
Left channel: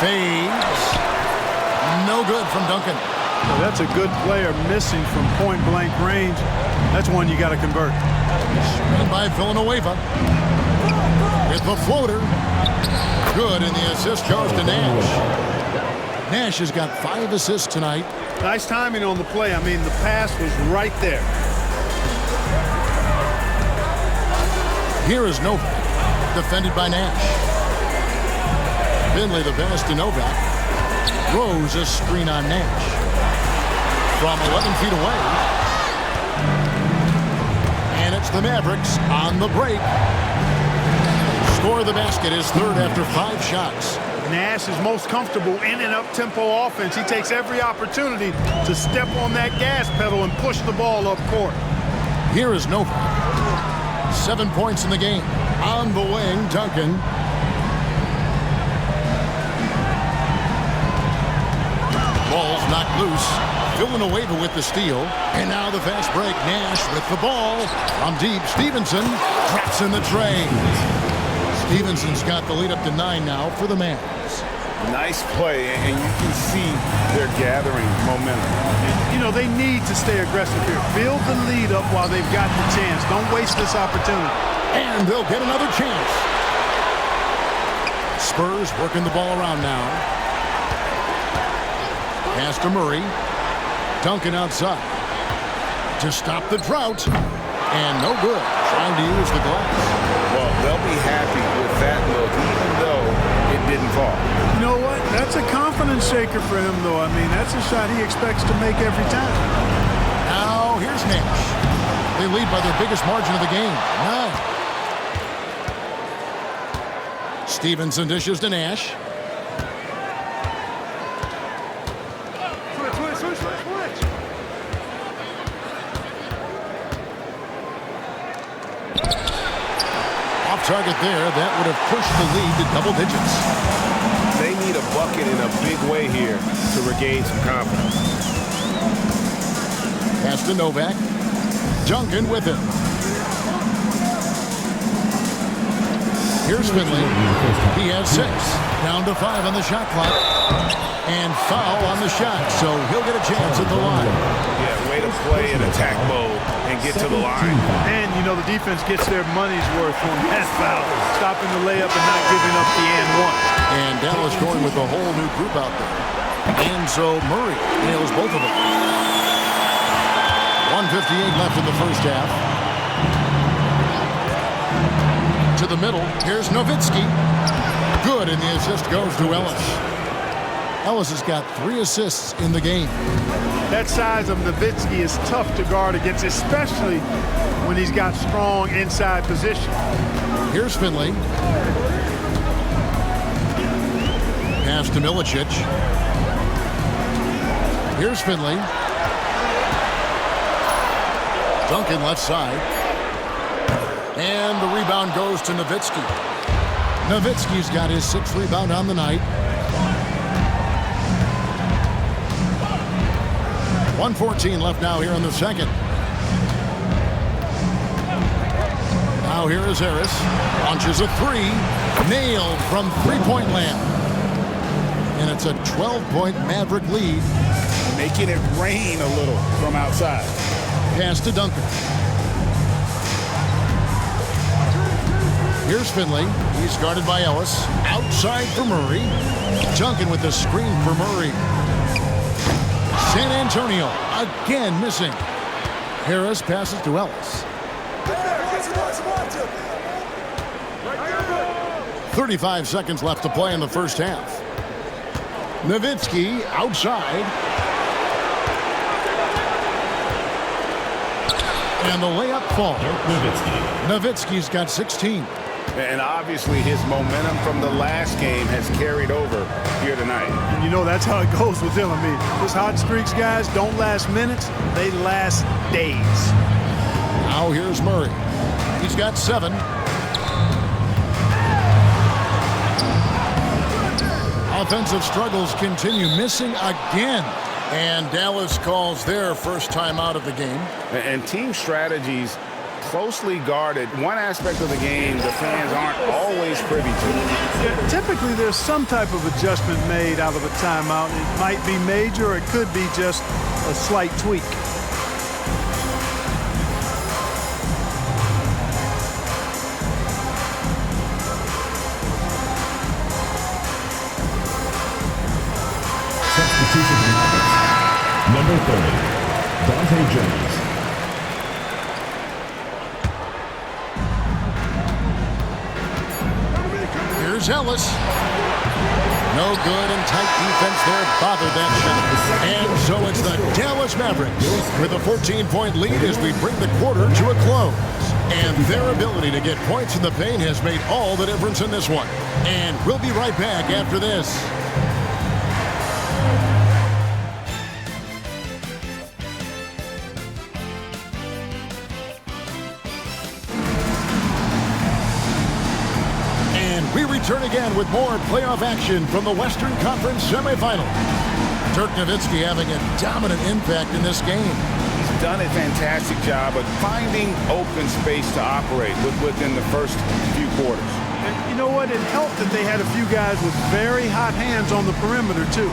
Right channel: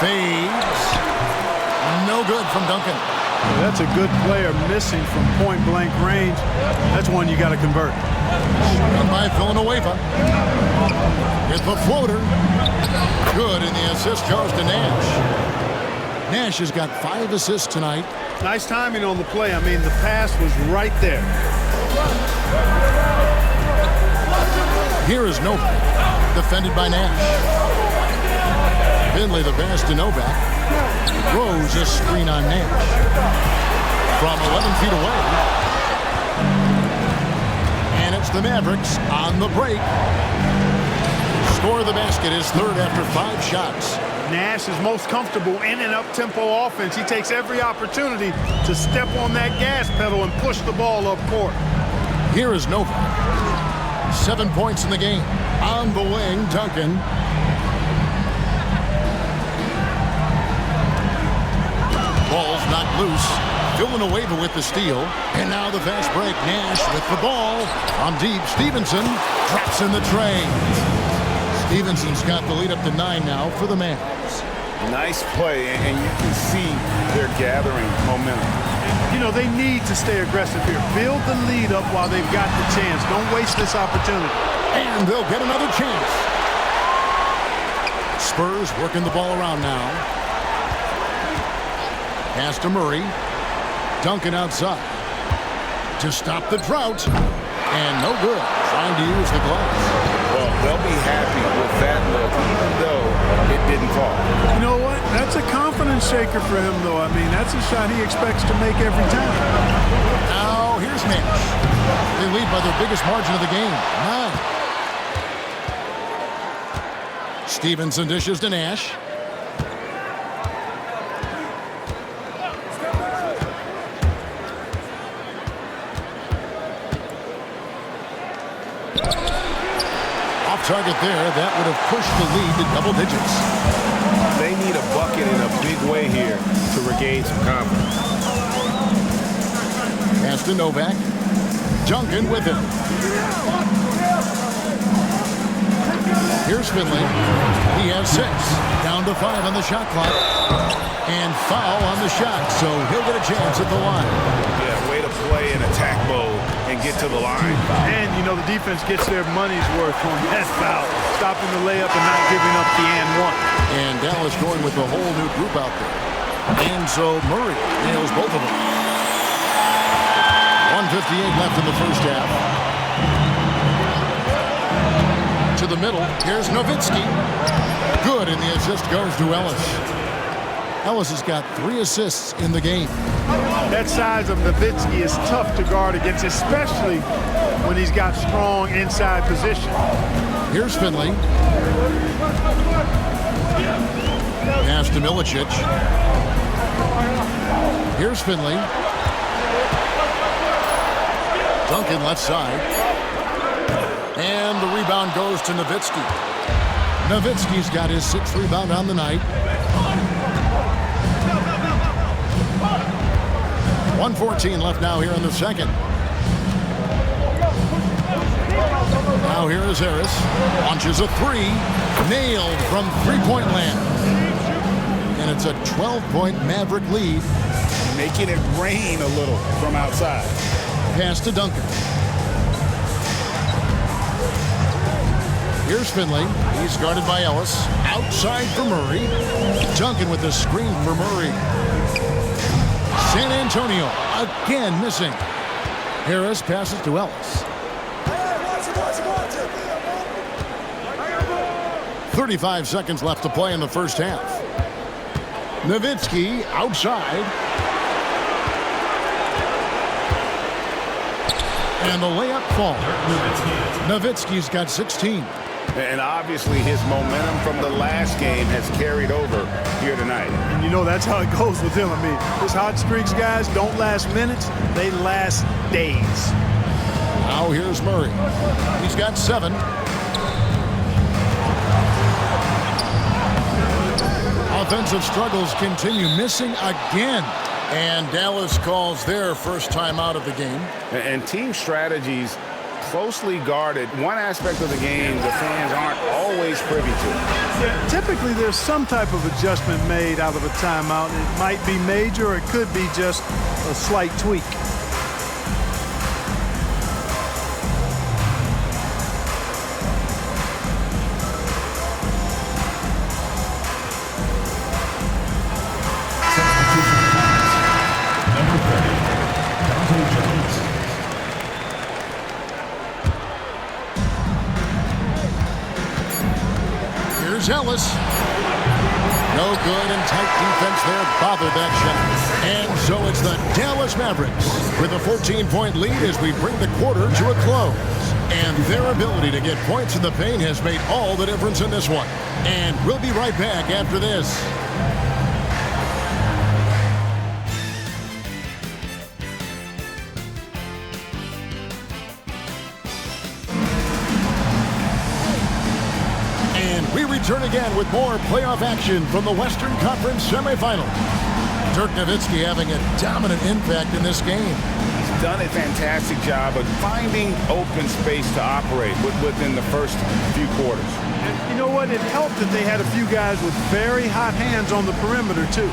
Fades. No good from Duncan. Well, that's a good player missing from point-blank range. That's one you got to convert. Screen by Villanueva. With the floater. Good, and the assist goes to Nash. Nash has got 5 assists tonight. Nice timing on the play. I mean, the pass was right there. Here is Novak, defended by Nash. Finley the pass to Novak. Rose a screen on Nash. From 11 feet away. And it's the Mavericks on the break. Score the basket, his 3rd after 5 shots. Nash is most comfortable in an up-tempo offense. He takes every opportunity to step on that gas pedal and push the ball up court. Here is Novak. 7 points in the game. On the wing, Duncan. Ball's knocked loose. Villanueva with the steal. And now the fast break. Nash with the ball. From deep, Stevenson drops in the tray. Stevenson's got the lead up to 9 now for the Mavs. Nice play, and you can see they're gathering momentum. You know, they need to stay aggressive here. Build the lead up while they've got the chance. Don't waste this opportunity. And they'll get another chance. Spurs working the ball around now. Pass to Murray. Duncan outside. To stop the drought. And no good. Trying to use the glass. Well, they'll be happy with that look, even though it didn't fall. You know what? That's a confidence shaker for him, though. I mean, that's a shot he expects to make every time. Now, here's Nash. They lead by their biggest margin of the game, 9. Stevenson dishes to Nash. Off target there. That would have pushed the lead to double digits. They need a bucket in a big way here to regain some confidence. Pass to Novak. Duncan with him. Here's Finley. He has 6. Down to 5 on the shot clock. And foul on the shot, so he'll get a chance at the line. Yeah, way to play in attack mode and get to the line. And, you know, the defense gets their money's worth on that foul. Stopping the layup and not giving up the and one. And Dallas going with a whole new group out there. And so Murray nails both of them. 1:58 left in the first half. To the middle. Here's Nowitzki. Good, and the assist goes to Ellis. Ellis has got 3 assists in the game. That size of Nowitzki is tough to guard against, especially when he's got strong inside position. Here's Finley. Pass to Milicic. Here's Finley. Duncan left side. And the rebound goes to Nowitzki. Nowitzki's got his 6th rebound on the night. 1:14 left now here in the second. Now here is Harris. Launches a 3. Nailed from three-point land. And it's a 12-point Maverick lead. Making it rain a little from outside. Pass to Duncan. Here's Finley. He's guarded by Ellis. Outside for Murray. Duncan with the screen for Murray. San Antonio again missing. Harris passes to Ellis. 35 seconds left to play in the first half. Nowitzki outside. And the layup falls. Nowitzki's got 16. And obviously his momentum from the last game has carried over here tonight. And you know that's how it goes with him. I mean, his hot streaks, guys, don't last minutes. They last days. Now here's Murray. He's got 7. Offensive struggles continue, missing again. And Dallas calls their first time out of the game. And team strategies closely guarded. One aspect of the game the fans aren't always privy to. Yeah, typically there's some type of adjustment made out of a timeout. It might be major or it could be just a slight tweak. Number 30, Dante Jones. Here's Ellis. No good, and tight defense there bothered that shot. And so it's the Dallas Mavericks with a 14-point lead as we bring the quarter to a close. And their ability to get points in the paint has made all the difference in this one. And we'll be right back after this. And we return again with more playoff action from the Western Conference semifinals. Dirk Nowitzki having a dominant impact in this game. He's done a fantastic job of finding open space to operate within the first few quarters. And you know what? It helped that they had a few guys with very hot hands on the perimeter, too.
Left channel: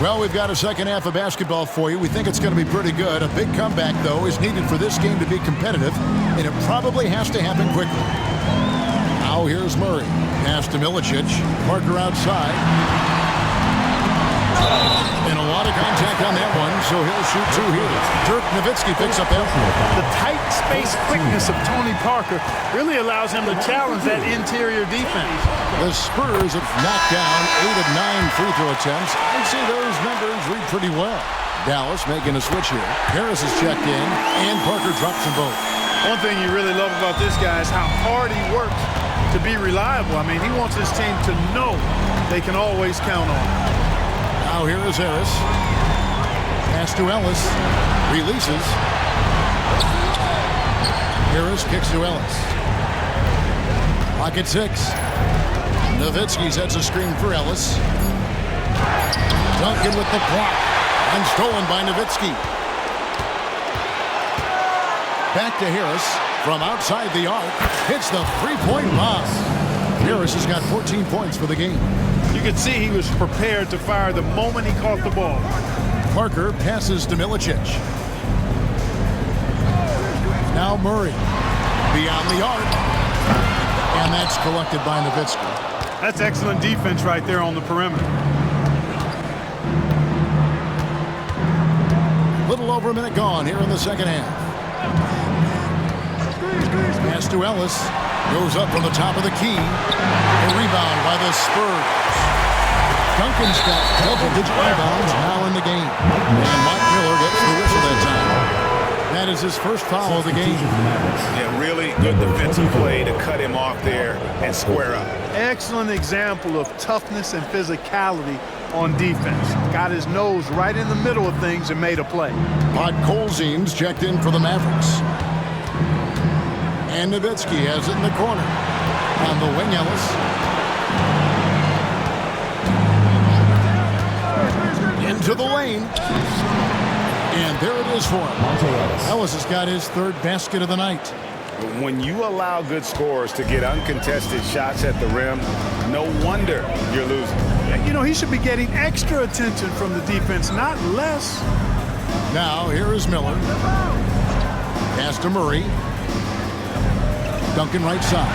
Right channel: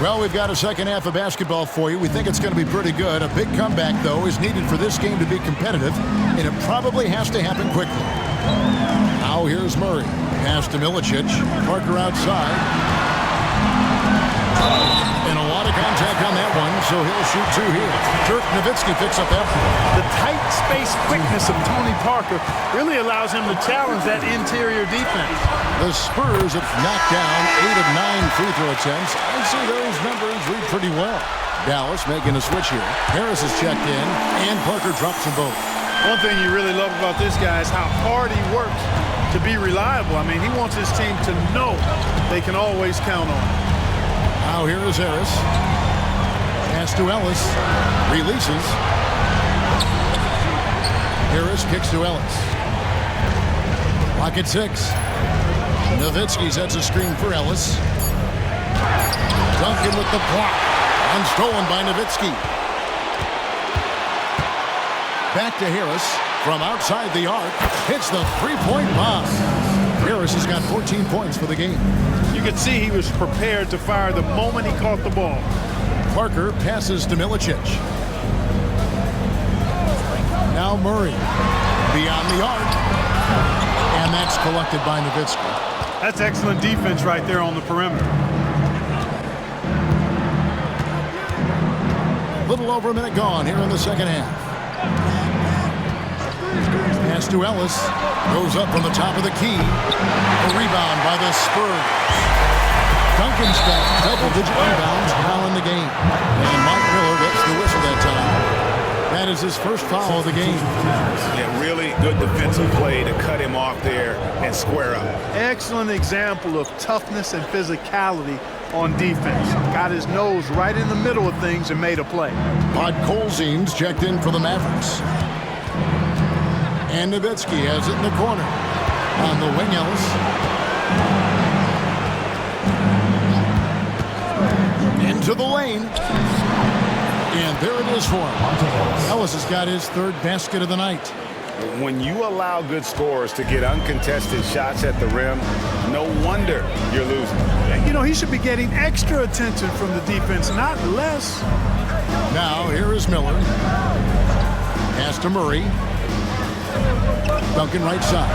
Well, we've got a second half of basketball for you. We think it's going to be pretty good. A big comeback, though, is needed for this game to be competitive, and it probably has to happen quickly. Now here's Murray. Pass to Milicic. Parker outside. And a lot of contact on that one, so he'll shoot 2 here. Dirk Nowitzki picks up that one. The tight space quickness of Tony Parker really allows him to challenge that interior defense. The Spurs have knocked down 8 of 9 free throw attempts. I'd say those numbers read pretty well. Dallas making a switch here. Harris is checked in, and Parker drops them both. One thing you really love about this guy is how hard he works to be reliable. I mean, he wants his team to know they can always count on him. Now here is Harris. Pass to Ellis. Releases. Harris kicks to Ellis. Clock at 6. Nowitzki sets a screen for Ellis. Duncan with the block. And stolen by Nowitzki. Back to Harris from outside the arc. Hits the three-point bomb. Harris has got 14 points for the game. You could see he was prepared to fire the moment he caught the ball. Parker passes to Milicic. Now Murray. Beyond the arc. And that's collected by Nowitzki. That's excellent defense right there on the perimeter. A little over a minute gone here in the second half. Pass to Ellis. Goes up from the top of the key. A rebound by the Spurs. Duncan's got double-digit rebounds now in the game. And Mike Miller gets the whistle that time. That is his first foul of the game. Yeah, really good defensive play to cut him off there and square up. Excellent example of toughness and physicality on defense. Got his nose right in the middle of things and made a play. Podkolzin's checked in for the Mavericks. And Nowitzki has it in the corner. On the wing, Ellis. Into the lane. And there it is for him. Ellis has got his third basket of the night. When you allow good scorers to get uncontested shots at the rim, no wonder you're losing. You know, he should be getting extra attention from the defense, not less. Now, here is Miller. Pass to Murray. Duncan right side.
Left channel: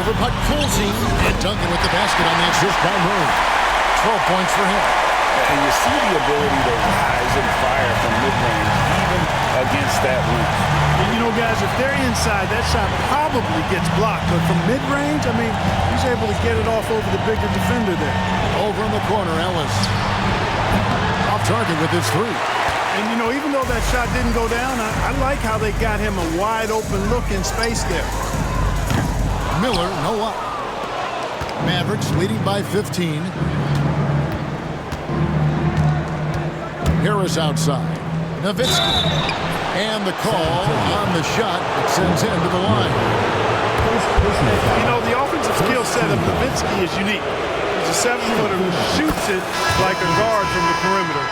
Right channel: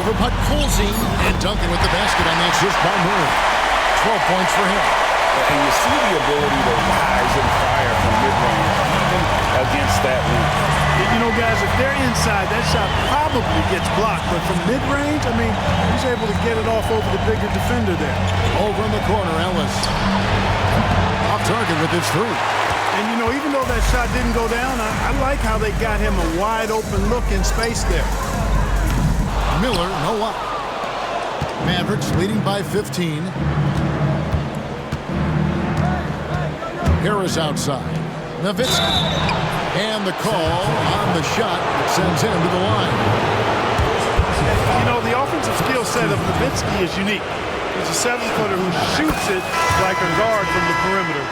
Over Podkolzin. And Duncan with the basket on the assist by Murray. 12 points for him. And you see the ability to rise and fire from mid-range, even against that length. You know, guys, if they're inside, that shot probably gets blocked. But from mid-range, I mean, he's able to get it off over the bigger defender there. Over in the corner, Ellis. Off target with his three. And, you know, even though that shot didn't go down, I like how they got him a wide-open look in space there. Miller, no luck. Mavericks leading by 15. Harris outside. Nowitzki. And the call on the shot that sends him to the line. You know, the offensive skill set of Nowitzki is unique. He's a 7-footer who shoots it like a guard from the perimeter.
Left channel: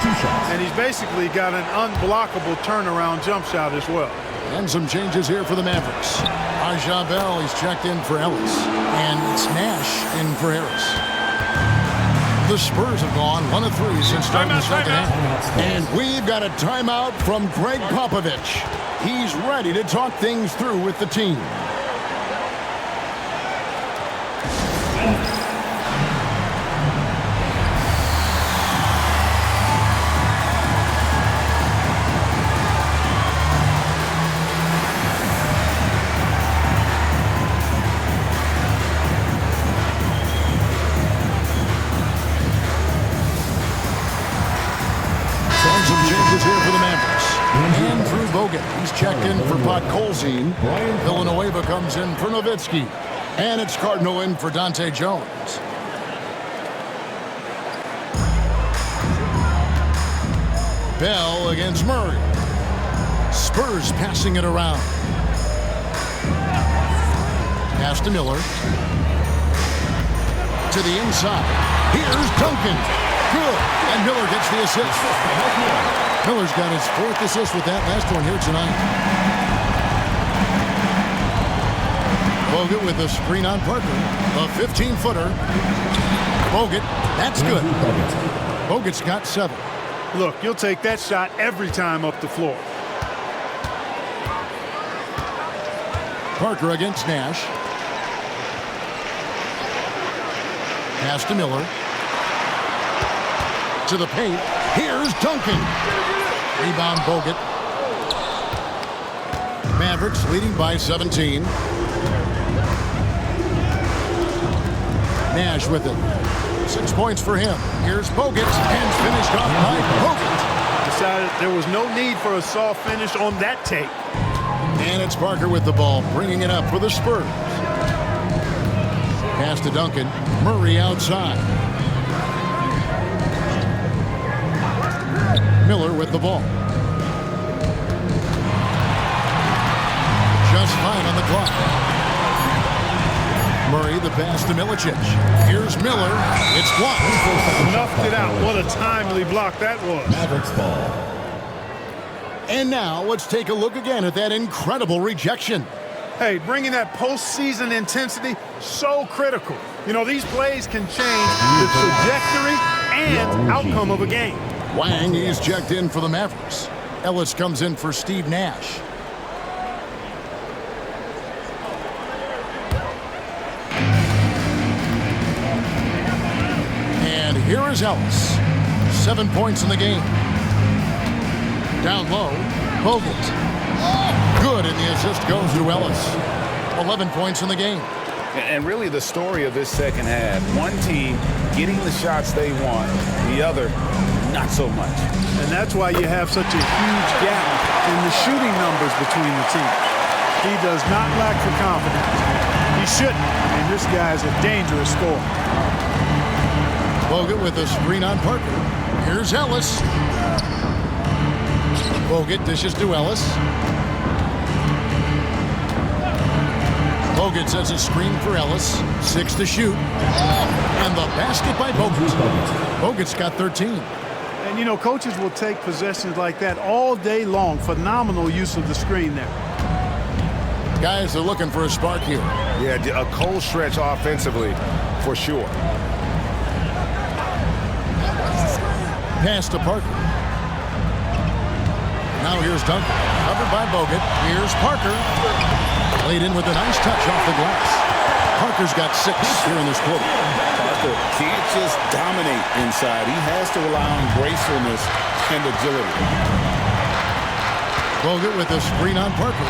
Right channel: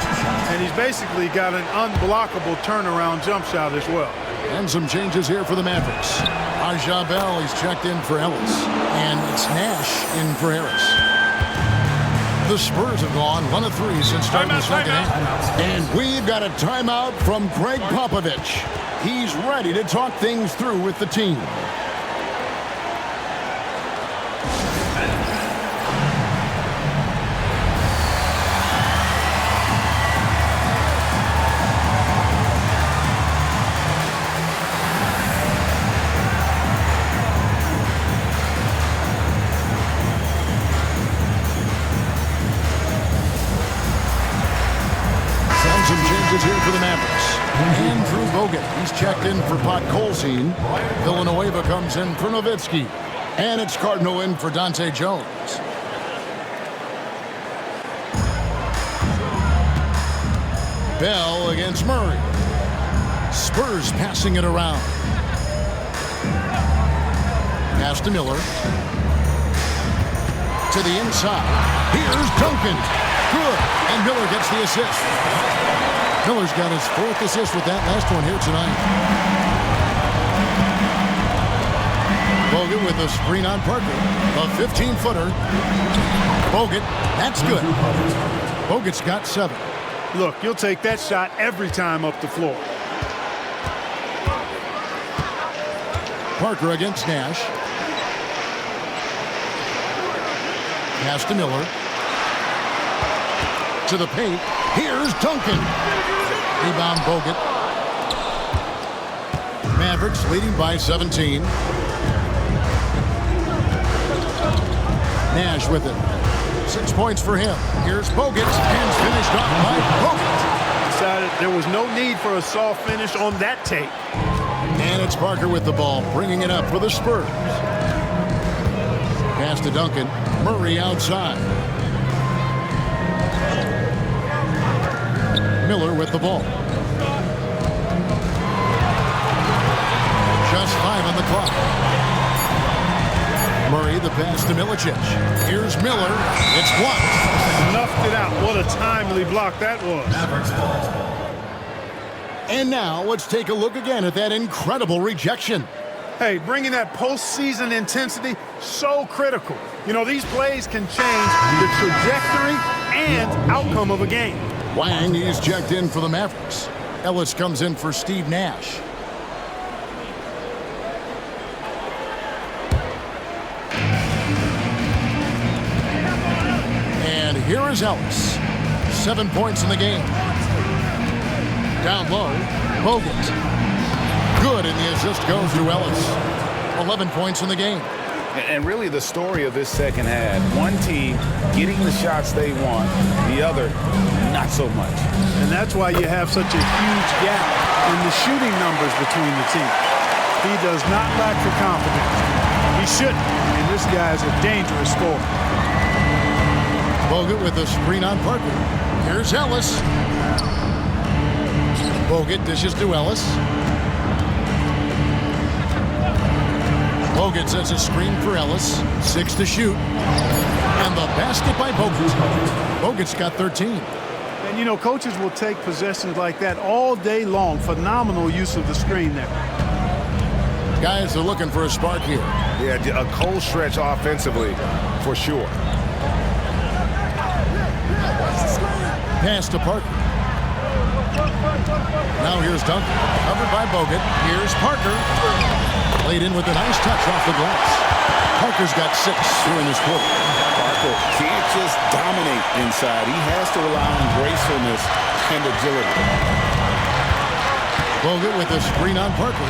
And he's basically got an unblockable turnaround jump shot as well. And some changes here for the Mavericks. Arja Bell, he's checked in for Ellis. And it's Nash in for Harris. The Spurs have gone 1 of 3 since starting the second half. And we've got a timeout from Greg Popovich. He's ready to talk things through with the team. Some changes here for the Mavericks. Andrew Bogut, he's checked in for Podkolzin. Villanueva comes in for Nowitzki. And it's Cardinal in for Dante Jones. Bell against Murray. Spurs passing it around. Pass to Miller. To the inside. Here's Duncan. Good. And Miller gets the assist. Miller's got his 4th assist with that last one here tonight. Bogut with a screen on Parker. A 15-footer. Bogut. That's good. Bogut's got 7. Look, you'll take that shot every time up the floor. Parker against Nash. Pass to Miller. To the paint. Here's Duncan. Rebound Bogut. Mavericks leading by 17. Nash with it. 6 points for him. Here's Bogut, and finished off by Bogut. Decided there was no need for a soft finish on that take. And it's Parker with the ball, bringing it up for the Spurs. Pass to Duncan. Murray outside. Miller with the ball. Just 5 on the clock. Murray, the pass to Milicic. Here's Miller. It's blocked. Snuffed it out. What a timely block that was. Mavericks ball. And now let's take a look again at that incredible rejection. Hey, bringing that postseason intensity, so critical. You know, these plays can change the trajectory and outcome of a game. Wang, he's checked in for the Mavericks. Ellis comes in for Steve Nash. And here is Ellis. 7 points in the game. Down low, Bogut. Good, and the assist goes to Ellis. 11 points in the game. And really the story of this second half, one team getting the shots they want, the other not so much. And that's why you have such a huge gap in the shooting numbers between the teams. He does not lack for confidence. He shouldn't. I mean, this guy is a dangerous scorer. Bogut with a screen on Parker. Here's Ellis. Bogut dishes to Ellis. Bogut sets a screen for Ellis. 6 to shoot. And the basket by Bogut. Bogut's got 13. And, you know, coaches will take possessions like that all day long. Phenomenal use of the screen there. Guys are looking for a spark here. Yeah, a cold stretch offensively for sure. Pass to Parker. Now here's Duncan. Covered by Bogut. Here's Parker. Laid in with a nice touch off the glass. Parker's got 6 here in this quarter. Parker can't just dominate inside. He has to rely on gracefulness and agility. Bogut with a screen on Parker.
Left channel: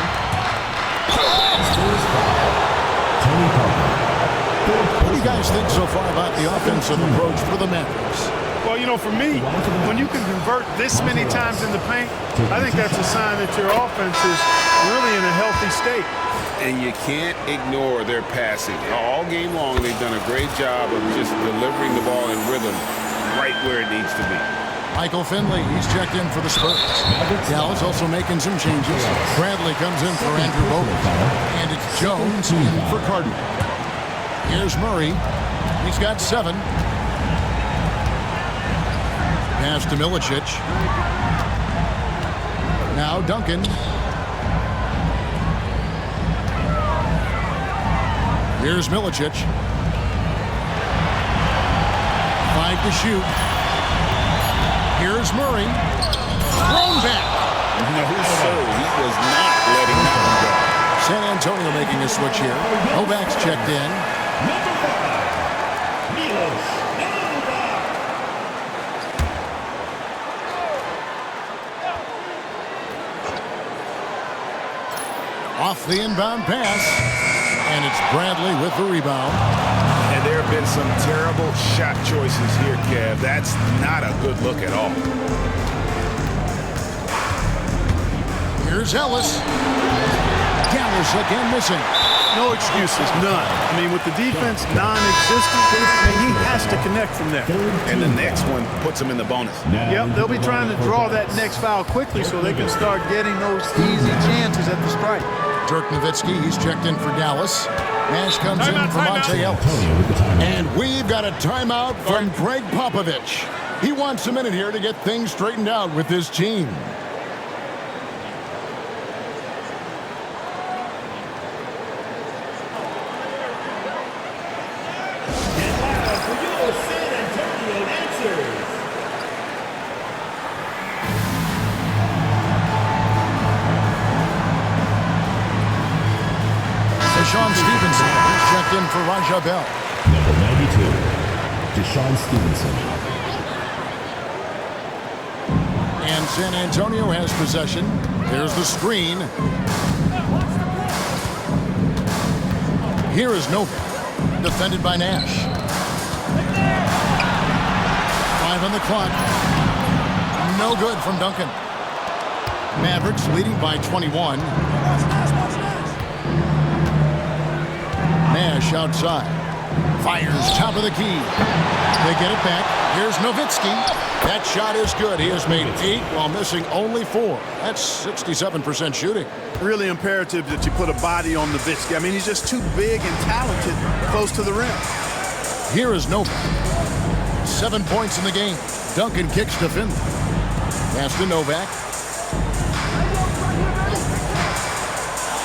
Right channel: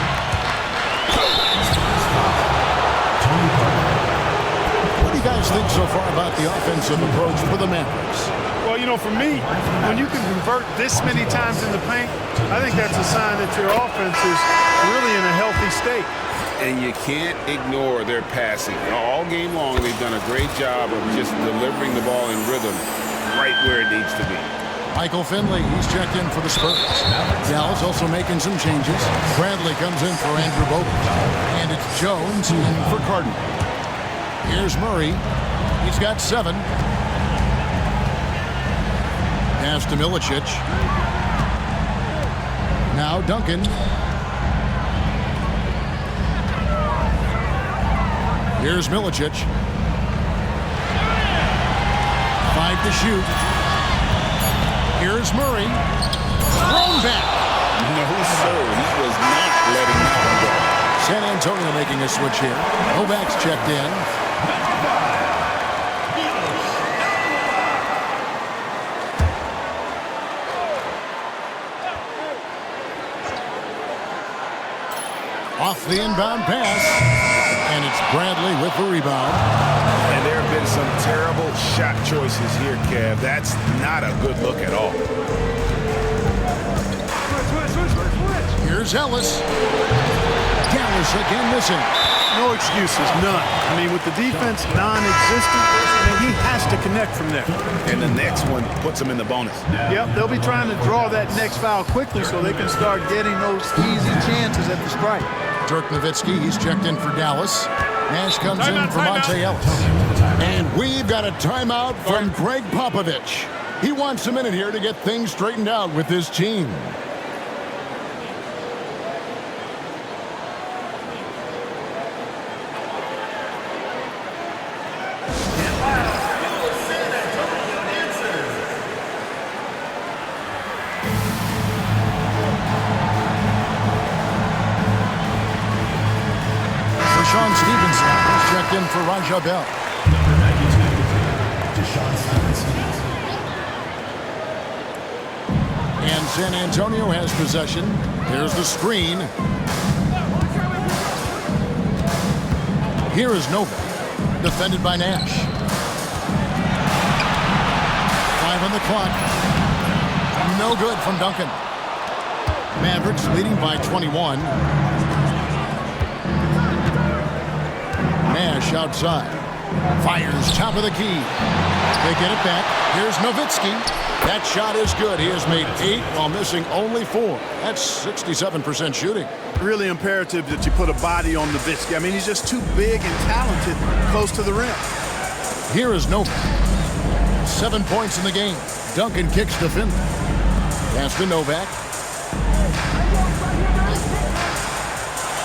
What do you guys think so far about the offensive approach for the Mavericks? Well, you know, for me, when you can convert this many times in the paint, I think that's a sign that your offense is really in a healthy state. And you can't ignore their passing. All game long, they've done a great job of just delivering the ball in rhythm right where it needs to be. Michael Finley, he's checked in for the Spurs. Dallas also making some changes. Bradley comes in for Andrew Bogut. And it's Jones in for Cardinal. Here's Murray. He's got 7. Pass to Milicic. Now Duncan. Here's Milicic. 5 to shoot. Here's Murray. Thrown back. No, sir. He was not letting that one go. San Antonio making a switch here. Novak's checked in. Off the inbound pass. And it's Bradley with the rebound. And there have been some terrible shot choices here, Kev. That's not a good look at all. Here's Ellis. Dallas again missing. No excuses, none. I mean, with the defense non-existent, I mean, he has to connect from there. And the next one puts him in the bonus. Yep, they'll be trying to draw that next foul quickly so they can start getting those easy chances at the strike. Dirk Nowitzki, he's checked in for Dallas. Nash comes in for Monte Ellis. And we've got a timeout from Greg Popovich. He wants a minute here to get things straightened out with his team. Deshaun Stevenson is checked in for Raja Bell. Number 92, Deshaun Stevenson. And San Antonio has possession. There's the screen. Here is Novak, defended by Nash. 5 on the clock. No good from Duncan. Mavericks leading by 21. Nash outside. Fires top of the key. They get it back. Here's Nowitzki. That shot is good. He has made 8 while missing only 4. That's 67% shooting. Really imperative that you put a body on Nowitzki. I mean, he's just too big and talented close to the rim. Here is Novak. 7 points in the game. Duncan kicks to Finley. Pass to Novak.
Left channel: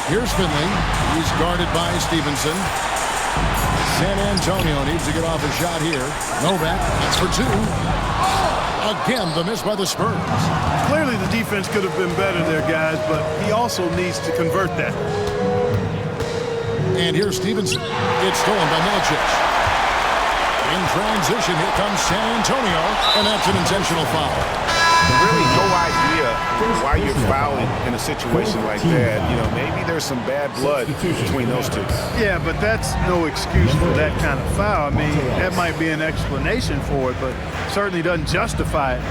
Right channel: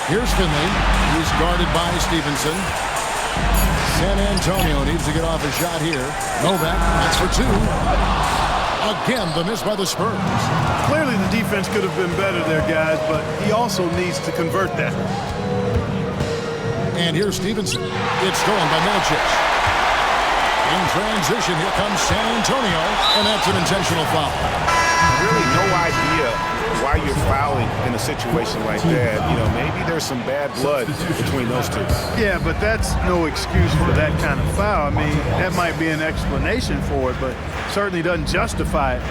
Here's Finley. He's guarded by Stevenson. San Antonio needs to get off a shot here. Novak, that's for 2. Again, the miss by the Spurs. Clearly the defense could have been better there, guys, but he also needs to convert that. And here's Stevenson. It's stolen by Milicic. In transition, here comes San Antonio, and that's an intentional foul. Really no idea why you're fouling in a situation like that. You know, maybe there's some bad blood between those two. Yeah, but that's no excuse for that kind of foul. I mean, that might be an explanation for it, but certainly doesn't justify it.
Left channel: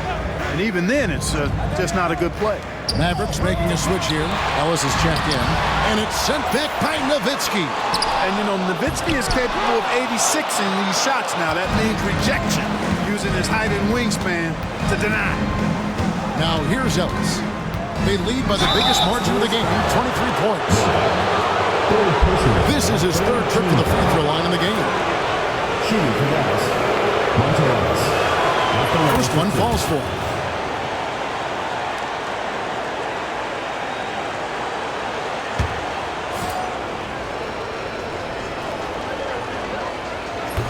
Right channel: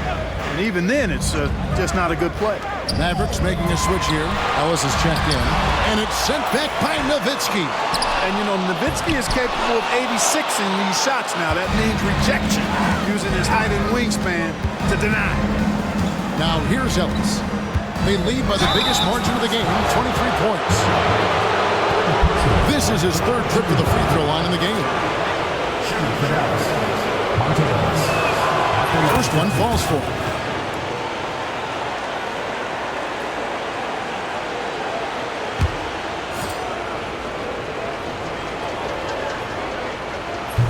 And even then, it's just not a good play. Mavericks making a switch here. Ellis is checked in, and it's sent back by Nowitzki. And, you know, Nowitzki is capable of 86ing these shots now. That means rejection, using his height and wingspan to deny. Now here's Ellis. They lead by the biggest margin of the game, 23 points. This is his 3rd trip to the free throw line in the game. Shooting for Dallas, Monte Ellis. First one falls for him.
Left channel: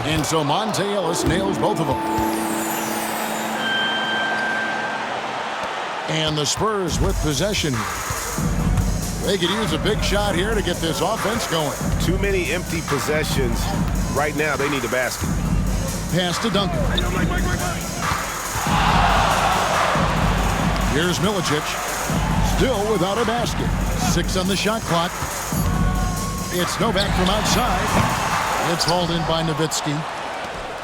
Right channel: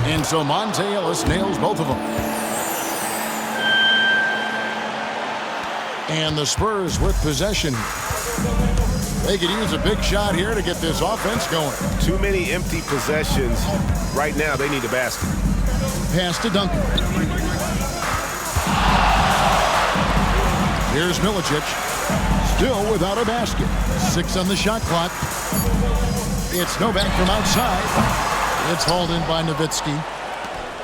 And so Monte Ellis nails both of them. And the Spurs with possession. They could use a big shot here to get this offense going. Too many empty possessions. Right now, they need a basket. Pass to Duncan. Here's Milicic. Still without a basket. 6 on the shot clock. It's Novak from outside. It's hauled in by Nowitzki.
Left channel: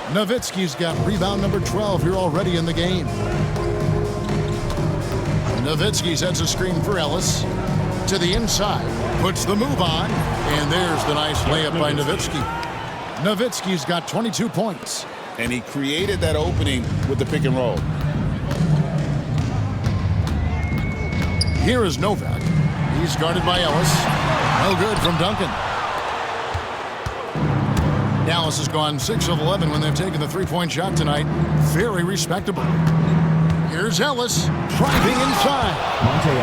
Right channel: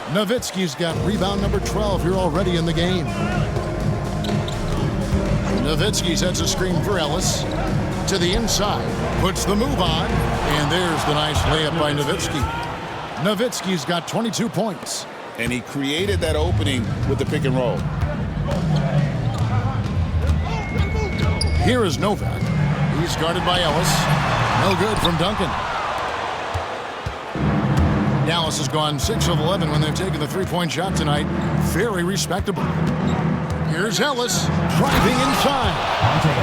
Nowitzki's got rebound number 12 here already in the game. Nowitzki sets a screen for Ellis. To the inside. Puts the move on. And there's the nice layup by Nowitzki. Nowitzki's got 22 points. And he created that opening with the pick and roll. Here is Novak. He's guarded by Ellis. No good from Duncan. Dallas has gone 6 of 11 when they've taken the three-point shot tonight. Very respectable. Here's Ellis driving inside.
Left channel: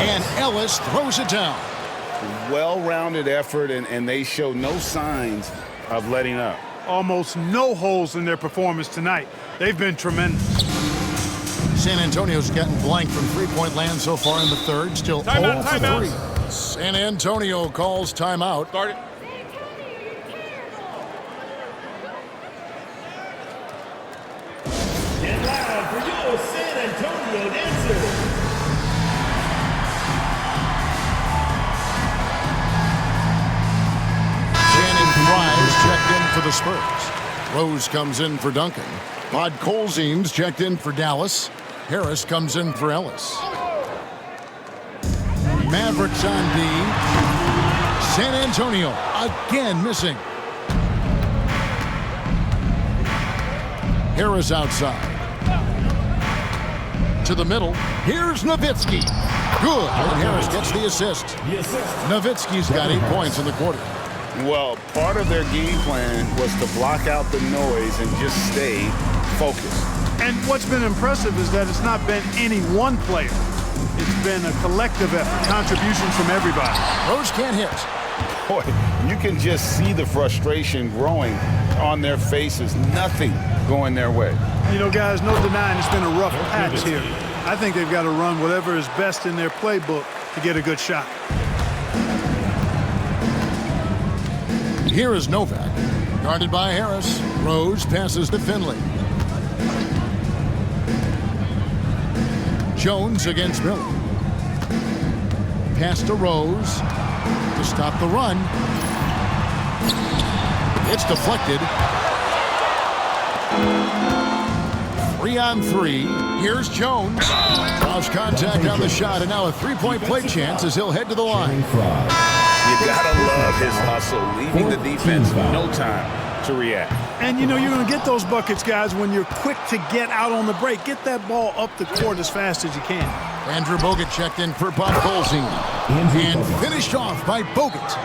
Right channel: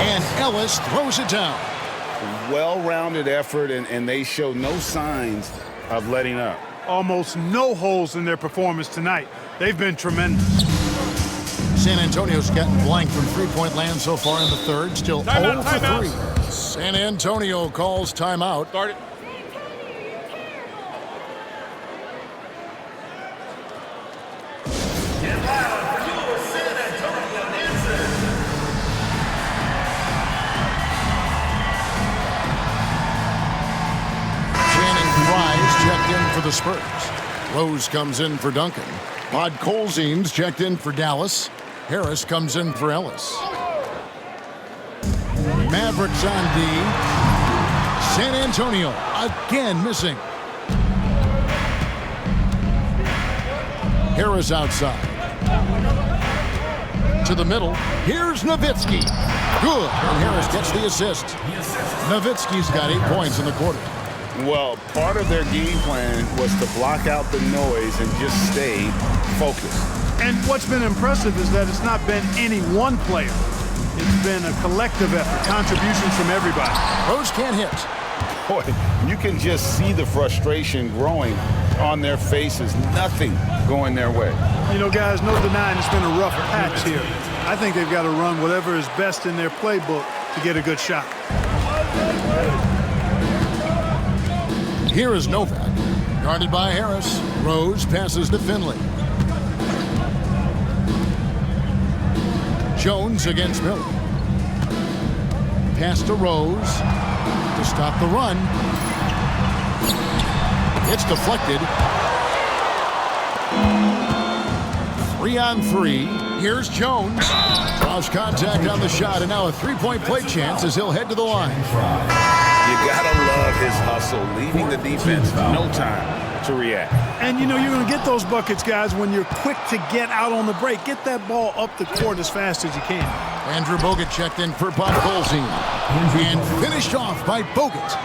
And Ellis throws it down. Well-rounded effort, and they show no signs of letting up. Almost no holes in their performance tonight. They've been tremendous. San Antonio's gotten blank from three-point land so far in the third. Still 0 for 3. San Antonio calls timeout. Start it. Fries checked in for the Spurs. Rose comes in for Duncan. Podkolzin's checked in for Dallas. Harris comes in for Ellis. Mavericks on D. San Antonio again missing. Harris outside. To the middle. Here's Nowitzki. Good. And Harris gets the assist. Nowitzki's got 8 points in the quarter. Well, part of their game plan was to block out the noise and just stay focused. And what's been impressive is that it's not been any one player. It's been a collective effort, contributions from everybody. Rose can't hit. Boy, you can just see the frustration growing on their faces. Nothing going their way. You know, guys, no denying it's been a rough patch here. I think they've got to run whatever is best in their playbook to get a good shot. Here is Novak, guarded by Harris. Rose passes to Finley. Jones against Miller. Pass to Rose to stop the run. It's deflected. 3-on-3. Here's Jones. Lost contact on the shot, and now a three-point play chance as he'll head to the line. You gotta love his hustle, leaving the defense no time to react. And, you know, you're going to get those buckets, guys, when you're quick to get out on the break. Get that ball up the court as fast as you can. Andrew Bogut checked in for Bob Colzine. And finished off by Bogut.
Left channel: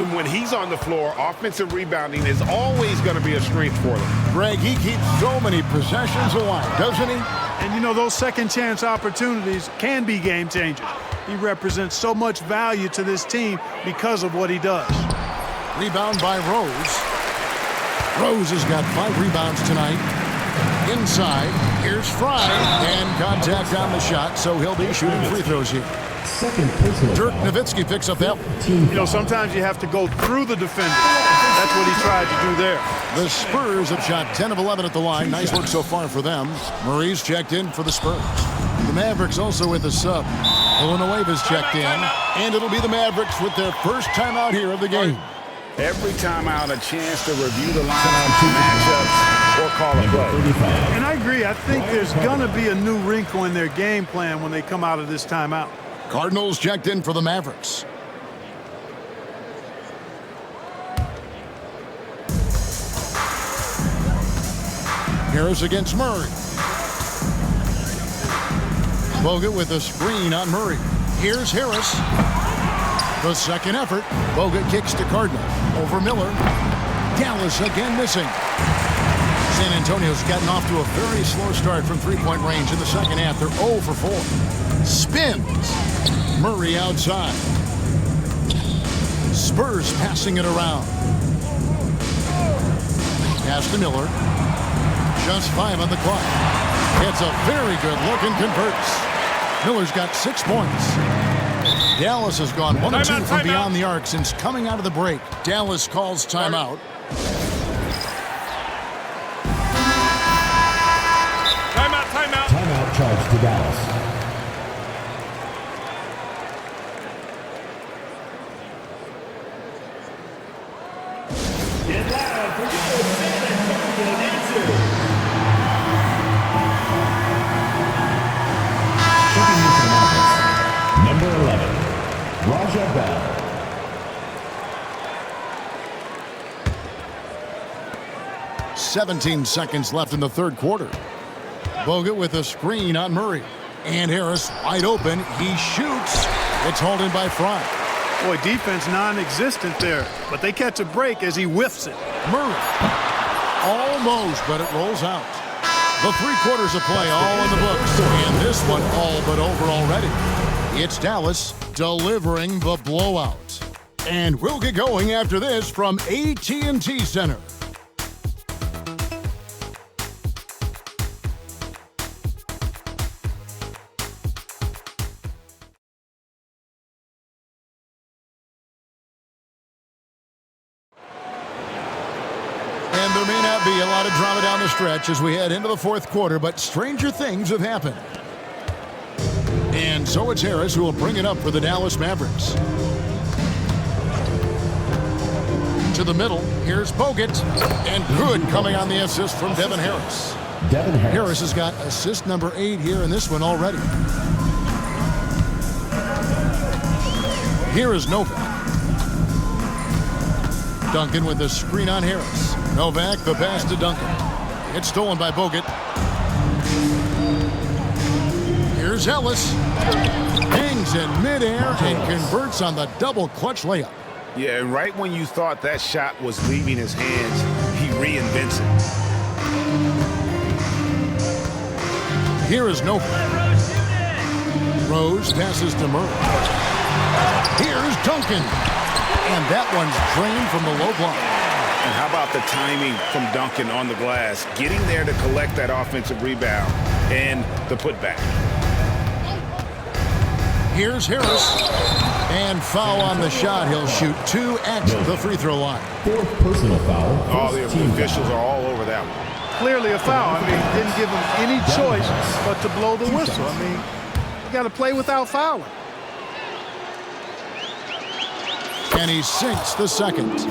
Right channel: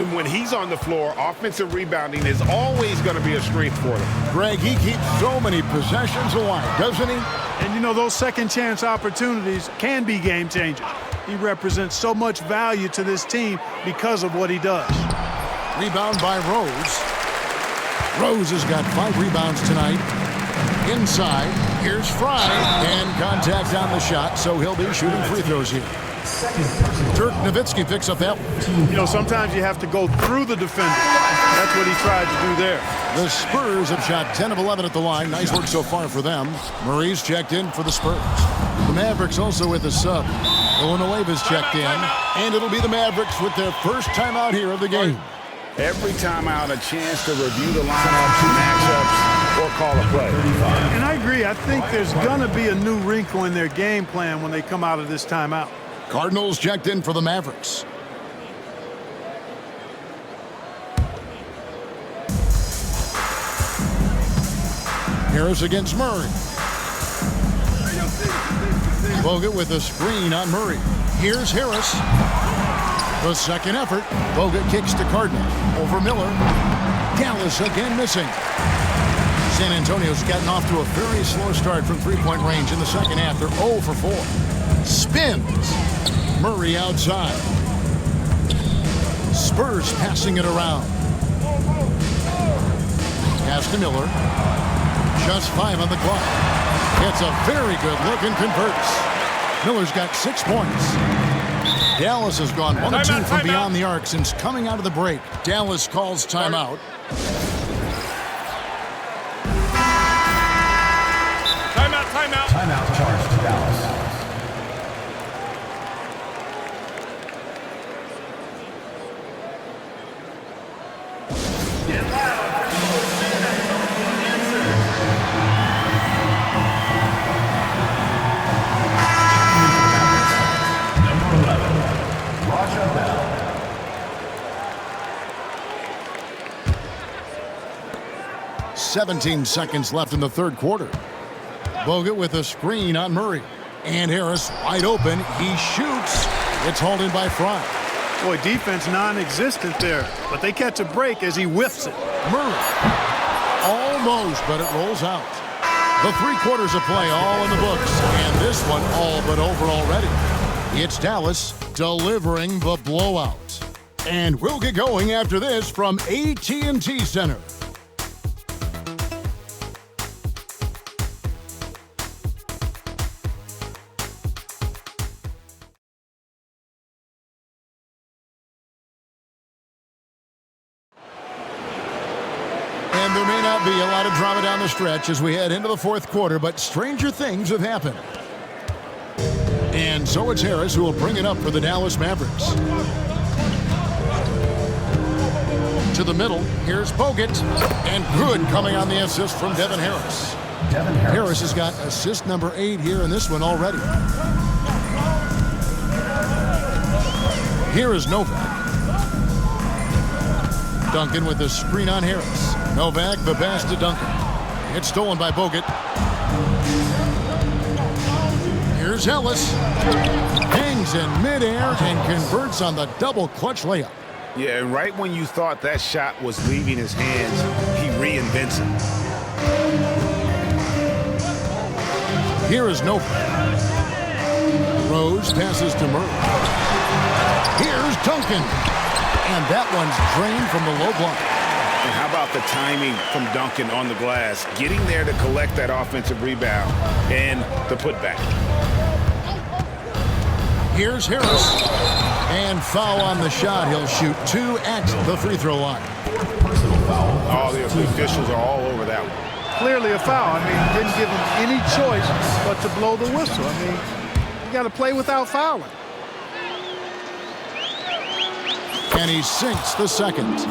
And when he's on the floor, offensive rebounding is always going to be a strength for them. Greg, he keeps so many possessions alive, doesn't he? And, you know, those second-chance opportunities can be game changers. He represents so much value to this team because of what he does. Rebound by Rose. Rose has got 5 rebounds tonight. Inside, here's Fry, and contact on the shot, so he'll be shooting free throws here. Dirk Nowitzki picks up that one. You know, sometimes you have to go through the defender. That's what he tried to do there. The Spurs have shot 10 of 11 at the line. Nice work so far for them. Murray's checked in for the Spurs. The Mavericks also with a sub. Villanueva's checked in, and it'll be the Mavericks with their first timeout here of the game. Every timeout, a chance to review the lineups, matchups, or call a play. And I agree. I think there's going to be a new wrinkle in their game plan when they come out of this timeout. Cardinals checked in for the Mavericks. Harris against Murray. Bogut with a screen on Murray. Here's Harris. The second effort. Bogut kicks to Cardinal. Over Miller. Dallas again missing. San Antonio's gotten off to a very slow start from three-point range in the second half. They're 0 for 4. Spins. Murray outside. Spurs passing it around. Pass to Miller. Just 5 on the clock. Gets a very good look and converts. Miller's got 6 points. Dallas has gone 1 of 2 from beyond the arc since coming out of the break. Dallas calls timeout. Timeout. Timeout charge to Dallas. Get loud for your San Antonio answer. Number 11, Raja Bell. "17 seconds left in the third quarter. Bogut with a screen on Murray. And Harris wide open. He shoots. It's hauled in by Fry. Boy, defense non-existent there. But they catch a break as he whiffs it. Murray. Almost, but it rolls out. The 3 quarters of play all in the books. And this one all but over already. It's Dallas delivering the blowout. And we'll get going after this from AT&T Center. And there may not be a lot of drama down the stretch as we head into the fourth quarter, but stranger things have happened. And so it's Harris who will bring it up for the Dallas Mavericks. To the middle, here's Bogut. And good coming on the assist from Devin Harris. Harris has got assist number 8 here in this one already. Here is Novak. Duncan with the screen on Harris. Novak, the pass to Duncan. It's stolen by Bogut. Here's Ellis. Hangs in midair and converts on the double clutch layup. Yeah, and right when you thought that shot was leaving his hands, he reinvents it. Here is Novak. Rose passes to Murray. Here's Duncan. And that one's drained from the low block. And how about the timing from Duncan on the glass, getting there to collect that offensive rebound and the putback. Here's Harris. And foul on the shot. He'll shoot 2 at the free throw line. 4th personal foul. Oh, the officials are all over that one. Clearly a foul. I mean, didn't give him any choice but to blow the whistle. I mean, you got to play without fouling. And he sinks the second.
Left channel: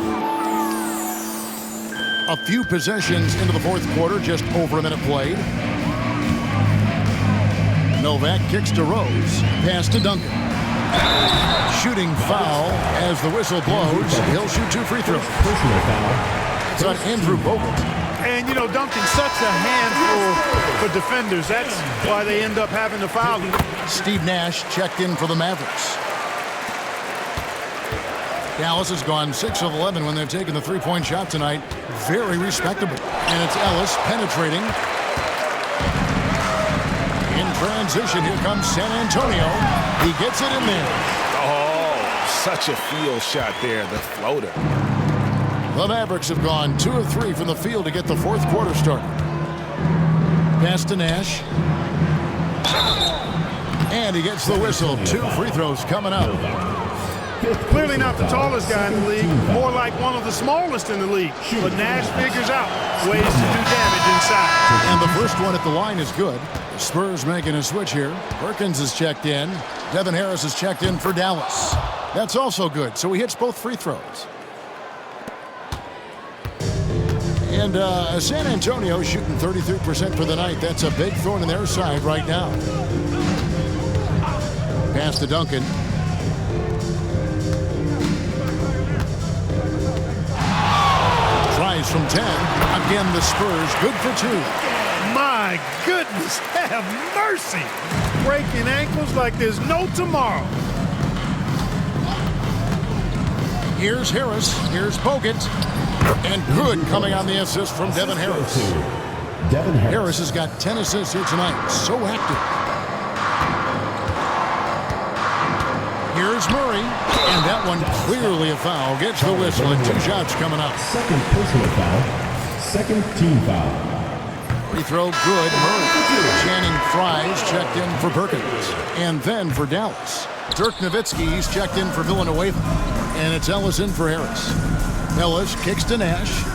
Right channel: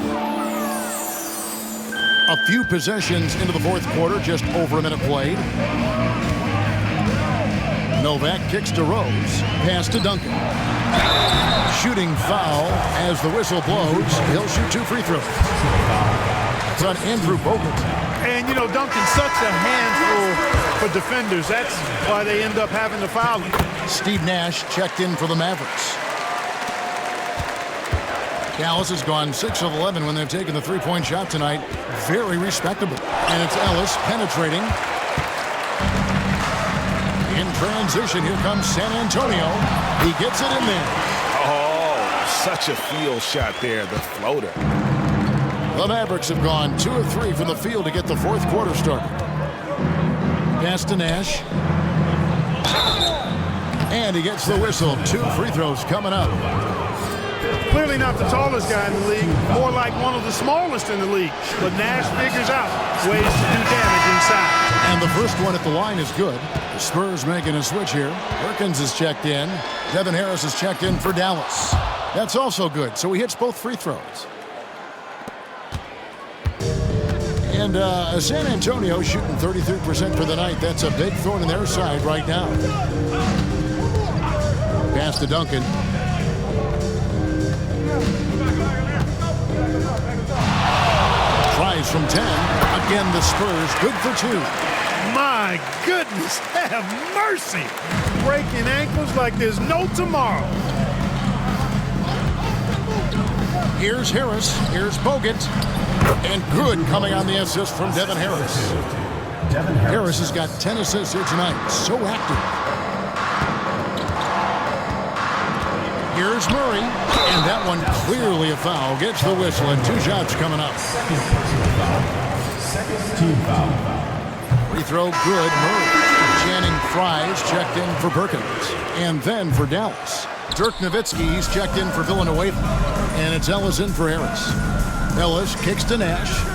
A few possessions into the fourth quarter, just over a minute played. Novak kicks to Rose. Pass to Duncan. Shooting foul as the whistle blows. He'll shoot 2 free throws. Personal foul. That's on Andrew Bogut. And, you know, Duncan's such a handful for defenders. That's why they end up having to foul him. Steve Nash checked in for the Mavericks. Dallas has gone 6 of 11 when they've taken the three-point shot tonight. Very respectable. And it's Ellis penetrating. In transition, here comes San Antonio. He gets it in there. Oh, such a field shot there, the floater. The Mavericks have gone 2 of 3 from the field to get the fourth quarter started. Pass to Nash. And he gets the whistle. 2 free throws coming up. Clearly not the tallest guy in the league, more like one of the smallest in the league. But Nash figures out ways to do damage inside. And the first one at the line is good. The Spurs making a switch here. Perkins is checked in. Devin Harris is checked in for Dallas. That's also good, so he hits both free throws. And San Antonio shooting 33% for the night. That's a big thorn in their side right now. Pass to Duncan. Tries from 10. Again, the Spurs good for 2. My goodness, have mercy. Breaking ankles like there's no tomorrow. Here's Harris. Here's Bogut. And good coming on the assist from Devin Harris. Devin Harris. Harris has got 10 assists here tonight. So active. Here's Murray. And that one clearly a foul. Gets the whistle and 2 shots coming up. Second personal foul. Second team foul. Free throw good. Murray. Channing Fries checked in for Perkins. And then for Dallas. Dirk Nowitzki, he's checked in for Villanueva. And it's Ellis in for Harris. Ellis kicks to Nash.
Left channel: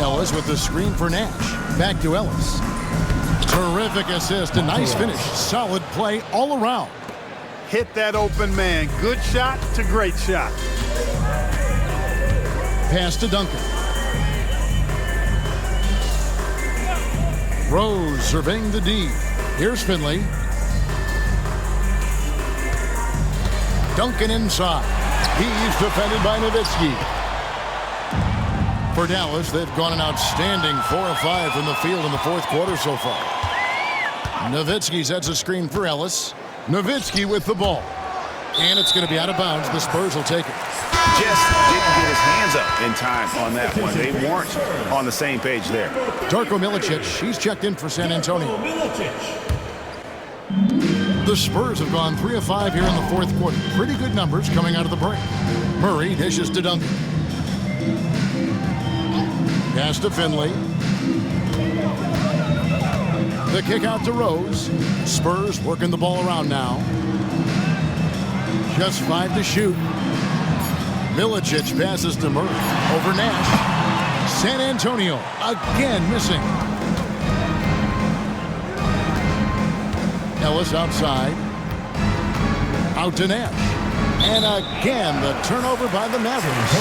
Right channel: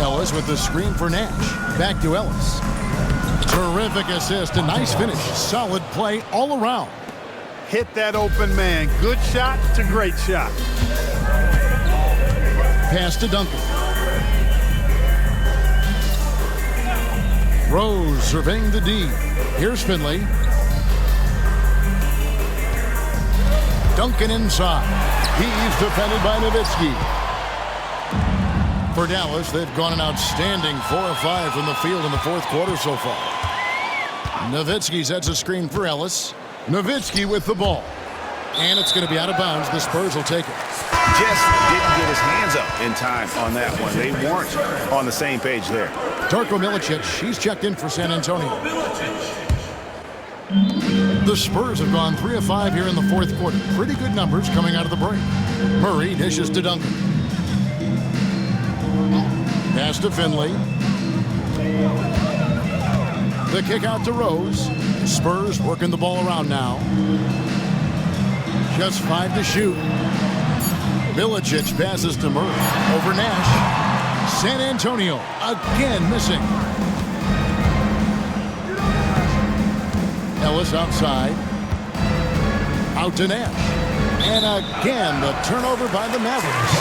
Ellis with the screen for Nash. Back to Ellis. Terrific assist. A nice finish. Solid play all around. Hit that open man. Good shot to great shot. Pass to Duncan. Rose surveying the D. Here's Finley. Duncan inside. He's defended by Nowitzki. For Dallas, they've gone an outstanding 4 of 5 from the field in the fourth quarter so far. Nowitzki sets a screen for Ellis. Nowitzki with the ball. And it's going to be out of bounds. The Spurs will take it. Just didn't get his hands up in time on that one. They weren't on the same page there. Darko Milicic, he's checked in for San Antonio. The Spurs have gone 3 of 5 here in the fourth quarter. Pretty good numbers coming out of the break. Murray dishes to Duncan. Pass to Finley. The kick out to Rose. Spurs working the ball around now. Just 5 to shoot. Milicic passes to Murray. Over Nash. San Antonio again missing. Ellis outside. Out to Nash. And again, the turnover by the Mavericks.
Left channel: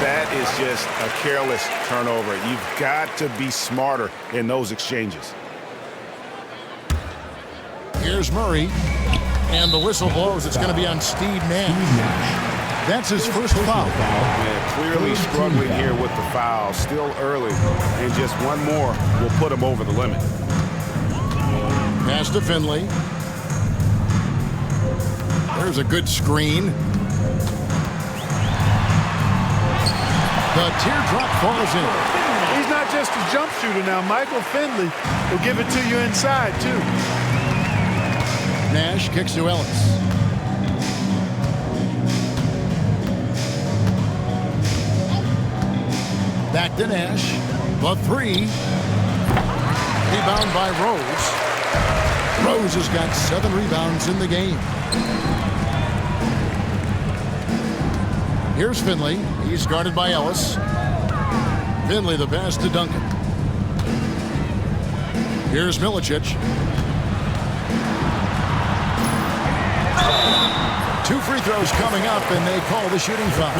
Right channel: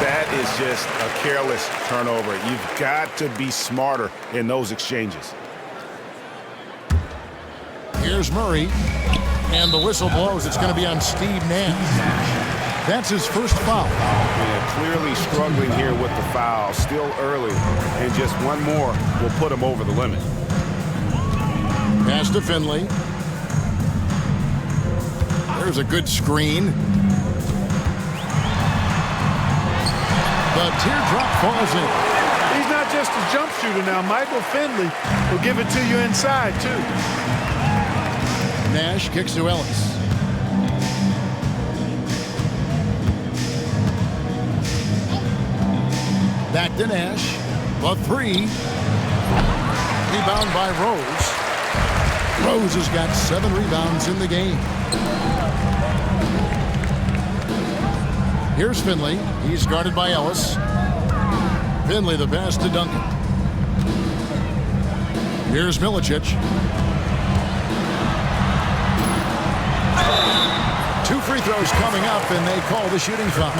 That is just a careless turnover. You've got to be smarter in those exchanges. Here's Murray. And the whistle blows. It's going to be on Steve Nash. That's his first foul. Yeah, clearly struggling here with the foul. Still early. And just one more will put him over the limit. Pass to Finley. There's a good screen. The teardrop falls in. He's not just a jump shooter now. Michael Finley will give it to you inside, too. Nash kicks to Ellis. Back to Nash. The 3. Rebound by Rose. Rose has got 7 rebounds in the game. Here's Finley. He's guarded by Ellis. Finley the pass to Duncan. Here's Milicic. 2 free throws coming up, and they call the shooting foul.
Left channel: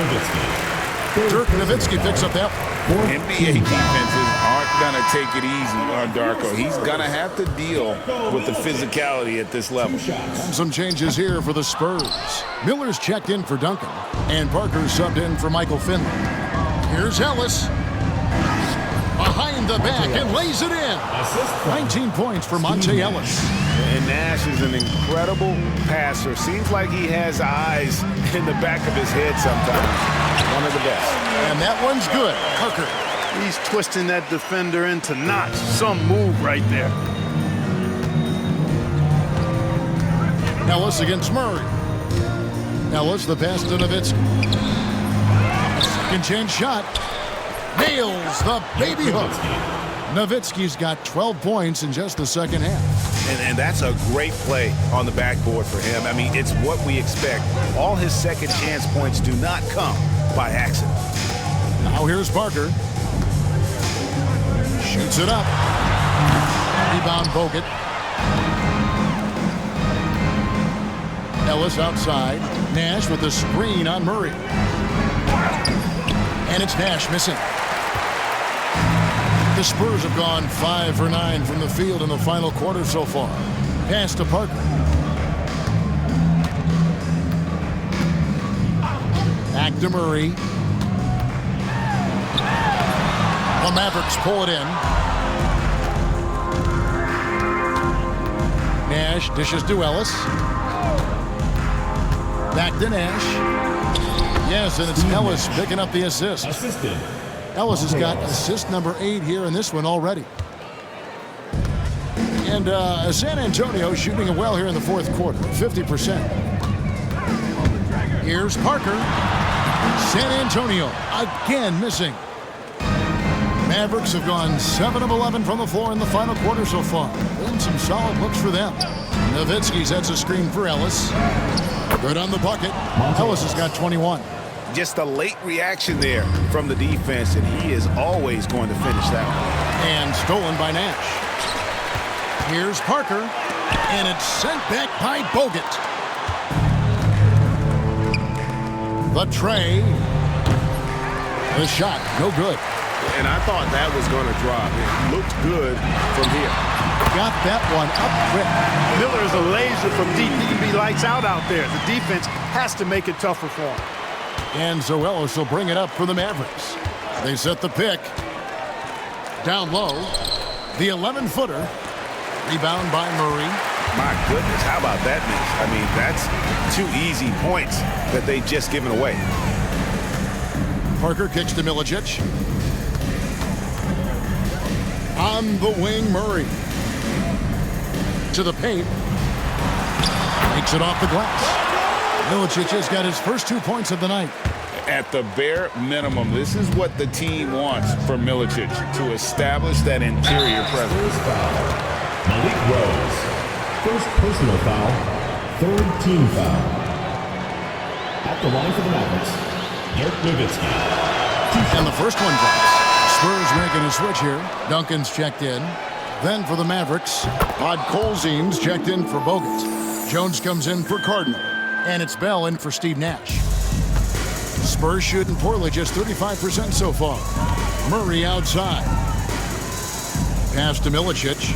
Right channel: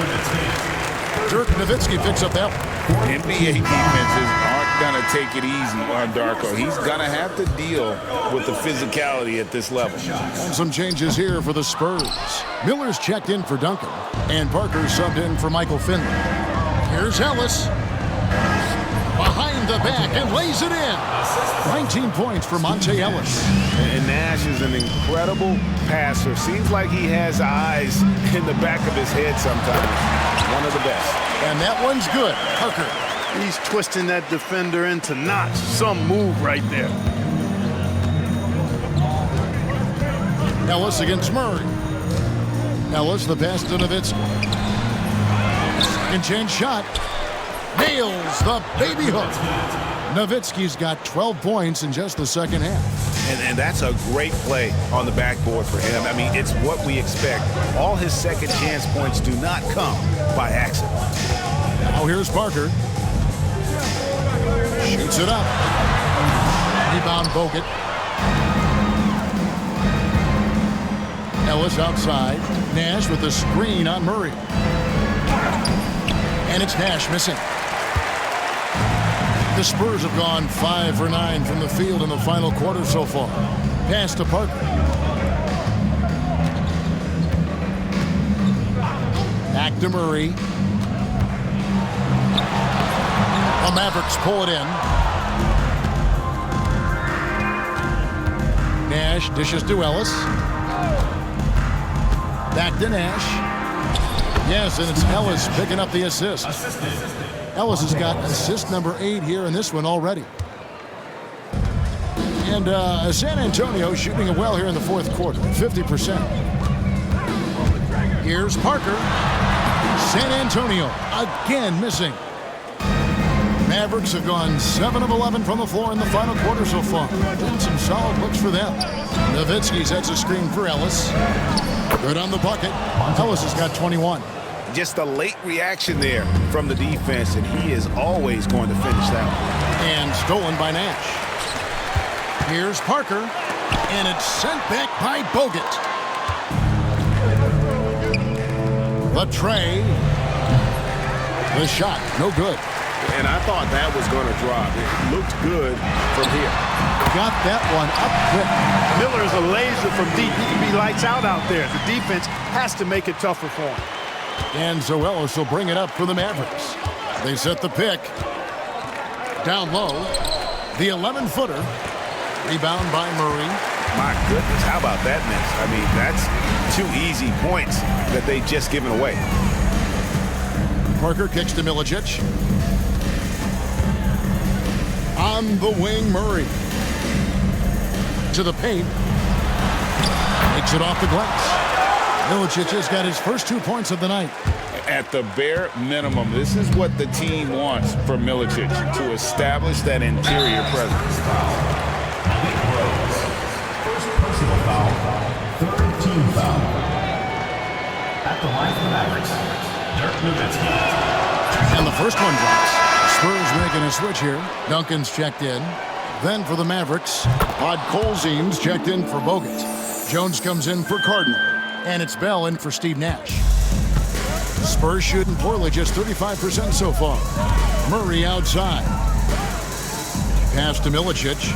Dirk Nowitzki picks up that one. NBA defenses aren't going to take it easy on Darko. He's going to have to deal with the physicality at this level. And some changes here for the Spurs. Miller's checked in for Duncan, and Parker's subbed in for Michael Finley. Here's Ellis. Behind the back and lays it in. 19 points for Monte Ellis. And Nash is an incredible passer. Seems like he has eyes in the back of his head sometimes. One of the best. And that one's good. Parker. He's twisting that defender into knots. Some move right there. Ellis against Murray. Ellis, the pass to Nowitzki. Second chance shot. Nails the baby hook. Nowitzki's got 12 points in just the second half. And that's a great play on the backboard for him. I mean, it's what we expect. All his second chance points do not come by accident. Now here's Parker. Shoots it up. Rebound Bogut. Ellis outside. Nash with the screen on Murray. And it's Nash missing. The Spurs have gone 5 for 9 from the field in the final quarter so far. Pass to Parker. Back to Murray. The Mavericks pull it in. Nash dishes to Ellis. Back to Nash. Yes, and it's Ellis picking up the assist. Ellis has got assist number 8 here in this one already. And San Antonio shooting it well here in the fourth quarter, 50%. Here's Parker. San Antonio again missing. Mavericks have gone 7 of 11 from the floor in the final quarter so far. Been some solid looks for them. Nowitzki sets a screen for Ellis. Good on the bucket. Ellis has got 21. Just a late reaction there from the defense, and he is always going to finish that one. And stolen by Nash. Here's Parker, and it's sent back by Bogut. The tray. The shot, no good. And I thought that was going to drop. It looked good from here. Got that one up quick. Miller is a laser from deep. He can be lights out there. The defense has to make it tougher for him. And so Ellis will bring it up for the Mavericks. They set the pick. Down low. The 11-footer. Rebound by Murray. My goodness, how about that miss? I mean, that's 2 easy points that they just given away. Parker kicks to Milicic. On the wing, Murray. To the paint. Makes it off the glass. Milicic has got his first 2 points of the night. At the bare minimum, this is what the team wants from Milicic, to establish that interior presence. Malik Rose. First personal foul. Third team foul. At the line for the Mavericks, Dirk Nowitzki. And the first one drops. Spurs making a switch here. Duncan's checked in. Then for the Mavericks, Podkolzien's checked in for Bogut. Jones comes in for Cardinal. And it's Bell in for Steve Nash. Spurs shooting poorly, just 35% so far. Murray outside. Pass to Milicic.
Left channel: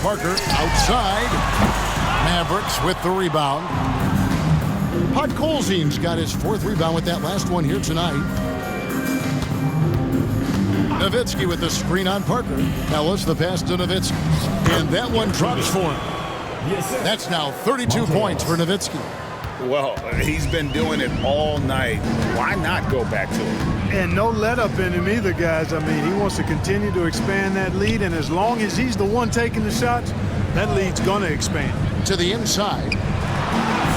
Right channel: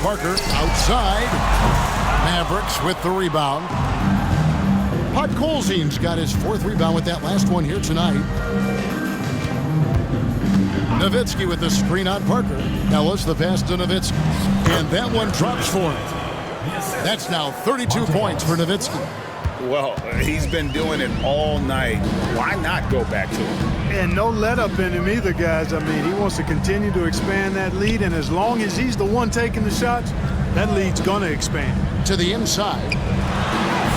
Parker outside. Mavericks with the rebound. Podkolzien's got his 4th rebound with that last one here tonight. Nowitzki with the screen on Parker. Ellis the pass to Nowitzki. And that one drops for him. That's now 32 points for Nowitzki. Well, he's been doing it all night. Why not go back to him? And no let up in him either, guys. I mean, he wants to continue to expand that lead, and as long as he's the one taking the shots, that lead's going to expand. To the inside.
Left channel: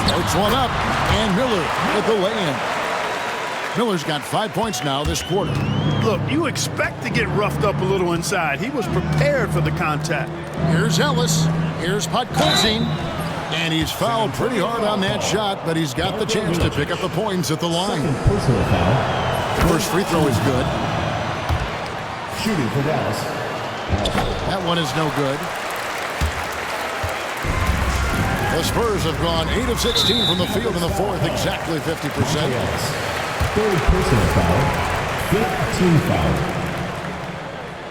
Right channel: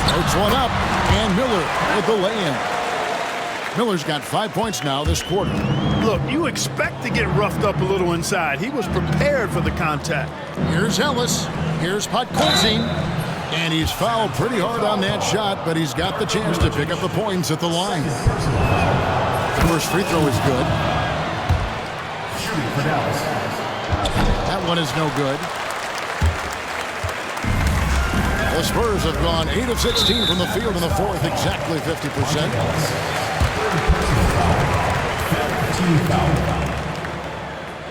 Floats one up, and Miller with the lay-in. Miller's got 5 points now this quarter. Look, you expect to get roughed up a little inside. He was prepared for the contact. Here's Ellis. Here's Podkolzien. And he's fouled pretty hard on that shot, but he's got the chance to pick up the points at the line. Personal foul. The first free throw is good. Shooting for Dallas. That one is no good. The Spurs have gone 8 of 16 from the field in the fourth, exactly 50%. third personal foul, fifth team foul.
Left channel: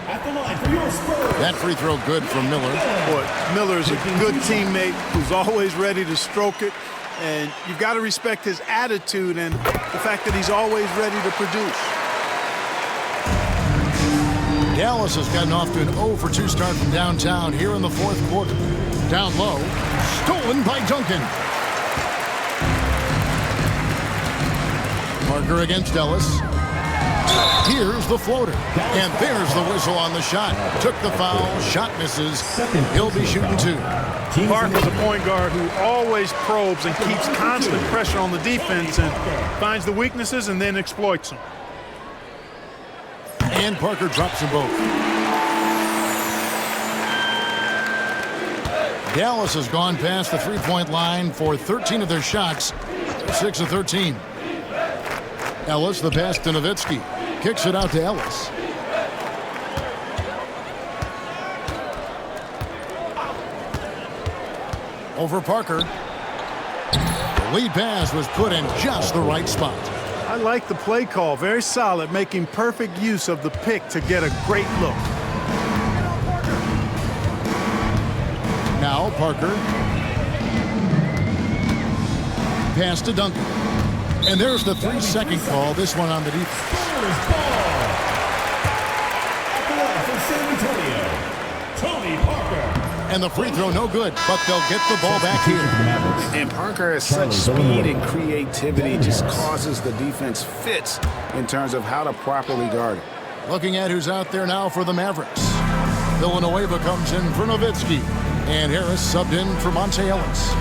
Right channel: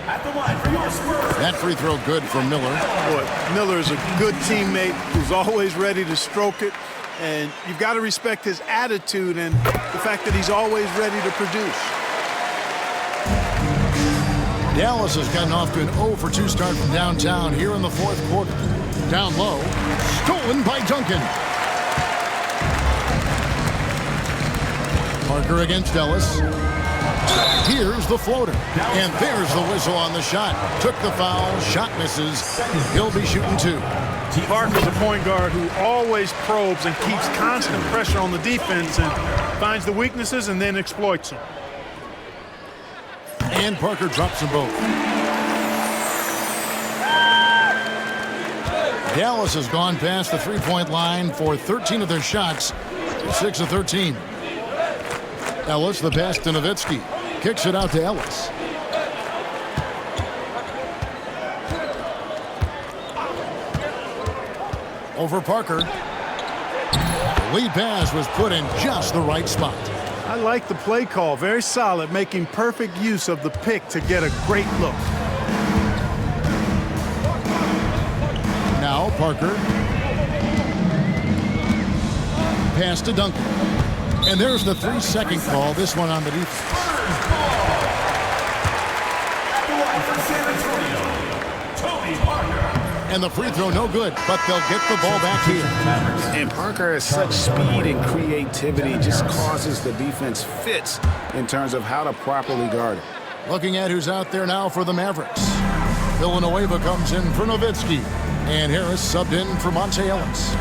At the line for your Spurs. That free throw good from Miller. Boy, Miller is a good teammate who's always ready to stroke it. And you've got to respect his attitude and the fact that he's always ready to produce. Dallas has gotten off to an 0-for-2 start from downtown here in the fourth quarter. Down low, stolen by Duncan. Parker against Ellis. Here's the floater. And there's the whistle on the shot. Took the foul, shot misses. He'll be shooting two. Parker's a point guard who always probes and keeps constant pressure on the defense and finds the weaknesses and then exploits them. And Parker drops them both. Dallas has gone past the three-point line for 13 of their shots, 6 of 13. Ellis, the pass to Nowitzki. Kicks it out to Ellis. Over Parker. The lead pass was put in just the right spot. I like the play call. Very solid, making perfect use of the pick to get a great look. Now Parker. Pass to Duncan. And there's the 3-second call. This one on the defense. Spurs ball. At the line for San Antonio, Tony Parker. And the free throw no good, but they'll get the ball back here. And Parker has such speed and creativity, just causes the defense fits in terms of how to properly guard it. Looking at who's out there now for the Mavericks. Villanueva comes in for Nowitzki. And Harris subbed in for Monte Ellis.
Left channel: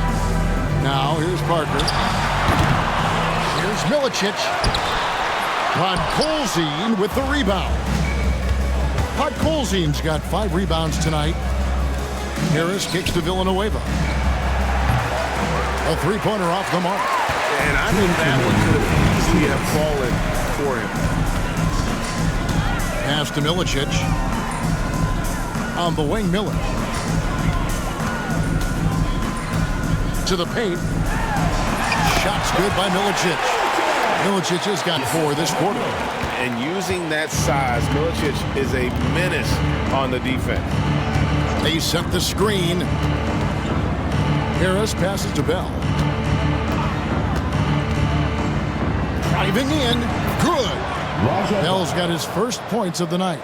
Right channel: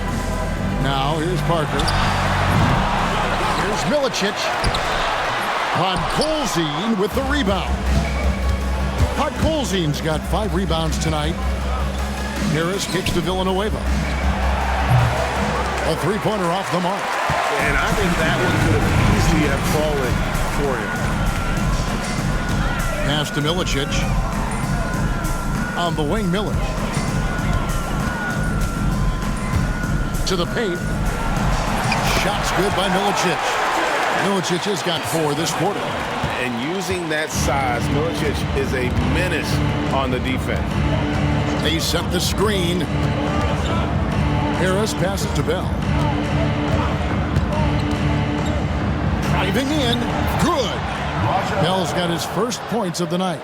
Now here's Parker. Here's Milicic. Podkolzin with the rebound. Podkolzin's got 5 rebounds tonight. Harris kicks to Villanueva. A three-pointer off the mark. And I think that one could have easily have fallen for him. Pass to Milicic. On the wing, Miller. To the paint. Shots good by Milicic. Milicic has got 4 this quarter. And using that size, Milicic is a menace on the defense. They set the screen. Harris passes to Bell. Driving in. Good. Bell's got his first points of the night.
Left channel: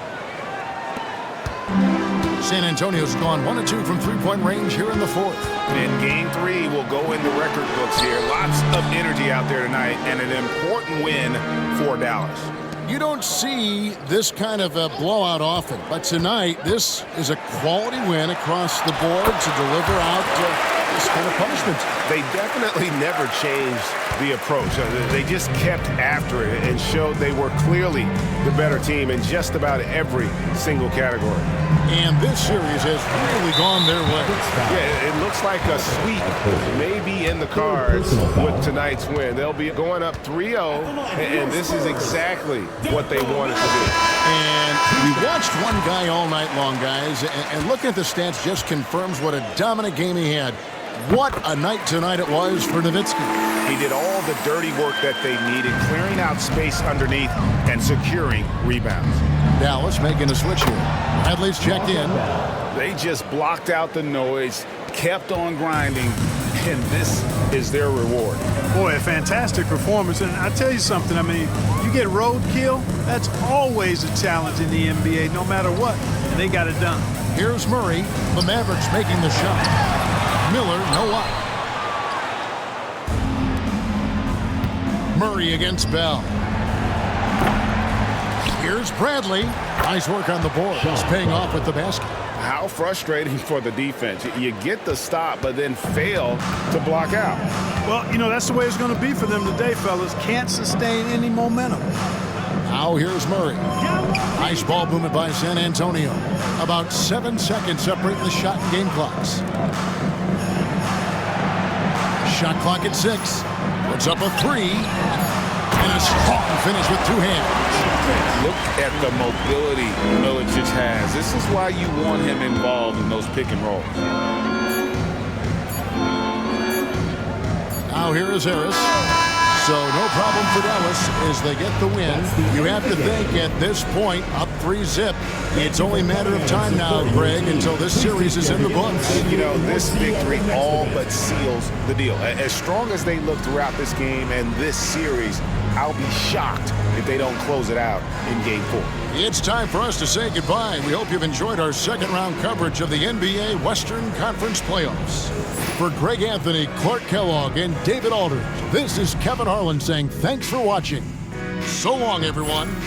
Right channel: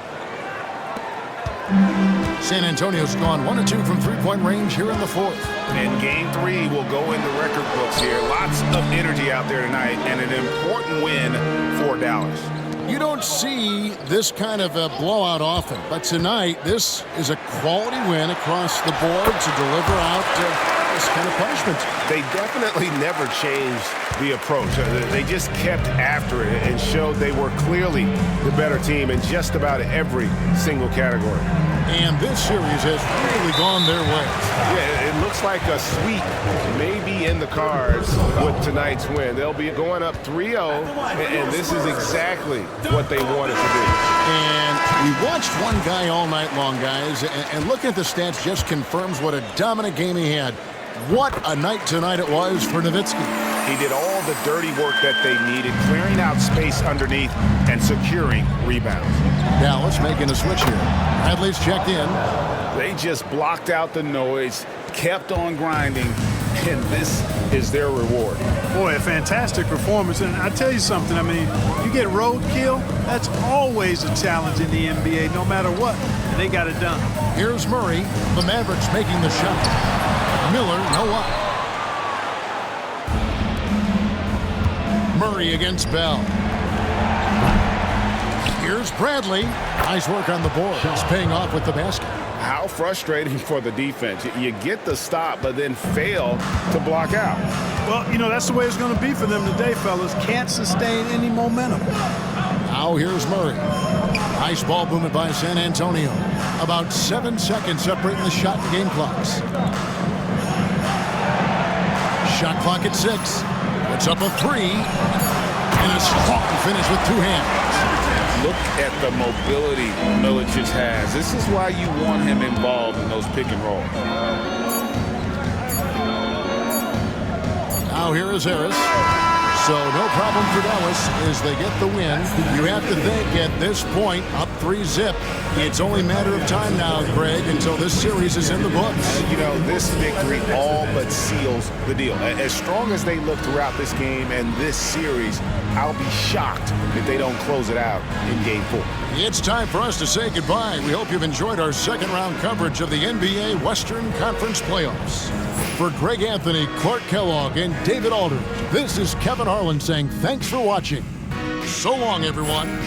San Antonio's gone 1 of 2 from three-point range here in the fourth. And game 3 will go in the record books here. Lots of energy out there tonight and an important win for Dallas. You don't see this kind of a blowout often, but tonight this is a quality win across the board to deliver out this kind of punishment. They definitely never changed the approach. They just kept after it and showed they were clearly the better team in just about every single category. And this series has really gone their way. Yeah, it looks like a sweep may be in the cards with tonight's win. They'll be going up 3-0, and this is exactly what they wanted to do. And we watched one guy all night long, guys, and looking at the stats just confirms what a dominant game he had. What a night tonight it was for Nowitzki. He did all the dirty work that they needed, clearing out space underneath and securing rebounds. Dallas making a switch here. Bradley's checked in. They just blocked out the noise, kept on grinding, and this is their reward. Boy, a fantastic performance. And I tell you something, I mean, you get roadkill, that's always a challenge in the NBA, no matter what. And they got it done. Here's Murray. The Mavericks making the shot. Miller, no up. Murray against Bell. Here's Bradley. Nice work on the board. It's paying off with the basket. How frustrating for the defense. You get the stop, but then fail to block out. Well, you know, that's the way it's going to be for them today, fellas. Can't sustain any momentum. Now here's Murray. Nice ball movement by San Antonio. About 7 seconds separating the shot and game clocks. Shot clock at 6. Puts up a 3. And a strong finish with 2 hands. Look at the mobility Milicic has. This is why you want him involved in those pick and rolls. Now here is Harris. So no problem for Dallas as they get the win. You have to think at this point, up 3-0. It's only a matter of time now, Greg, until this series is in the books. You know, this victory all but seals the deal. As strong as they look throughout this game and this series, I'll be shocked if they don't close it out in Game 4. It's time for us to say goodbye. We hope you've enjoyed our second-round coverage of the NBA Western Conference Playoffs. For Greg Anthony, Clark Kellogg, and David Aldridge, this is Kevin Harlan saying thanks for watching. So long, everyone.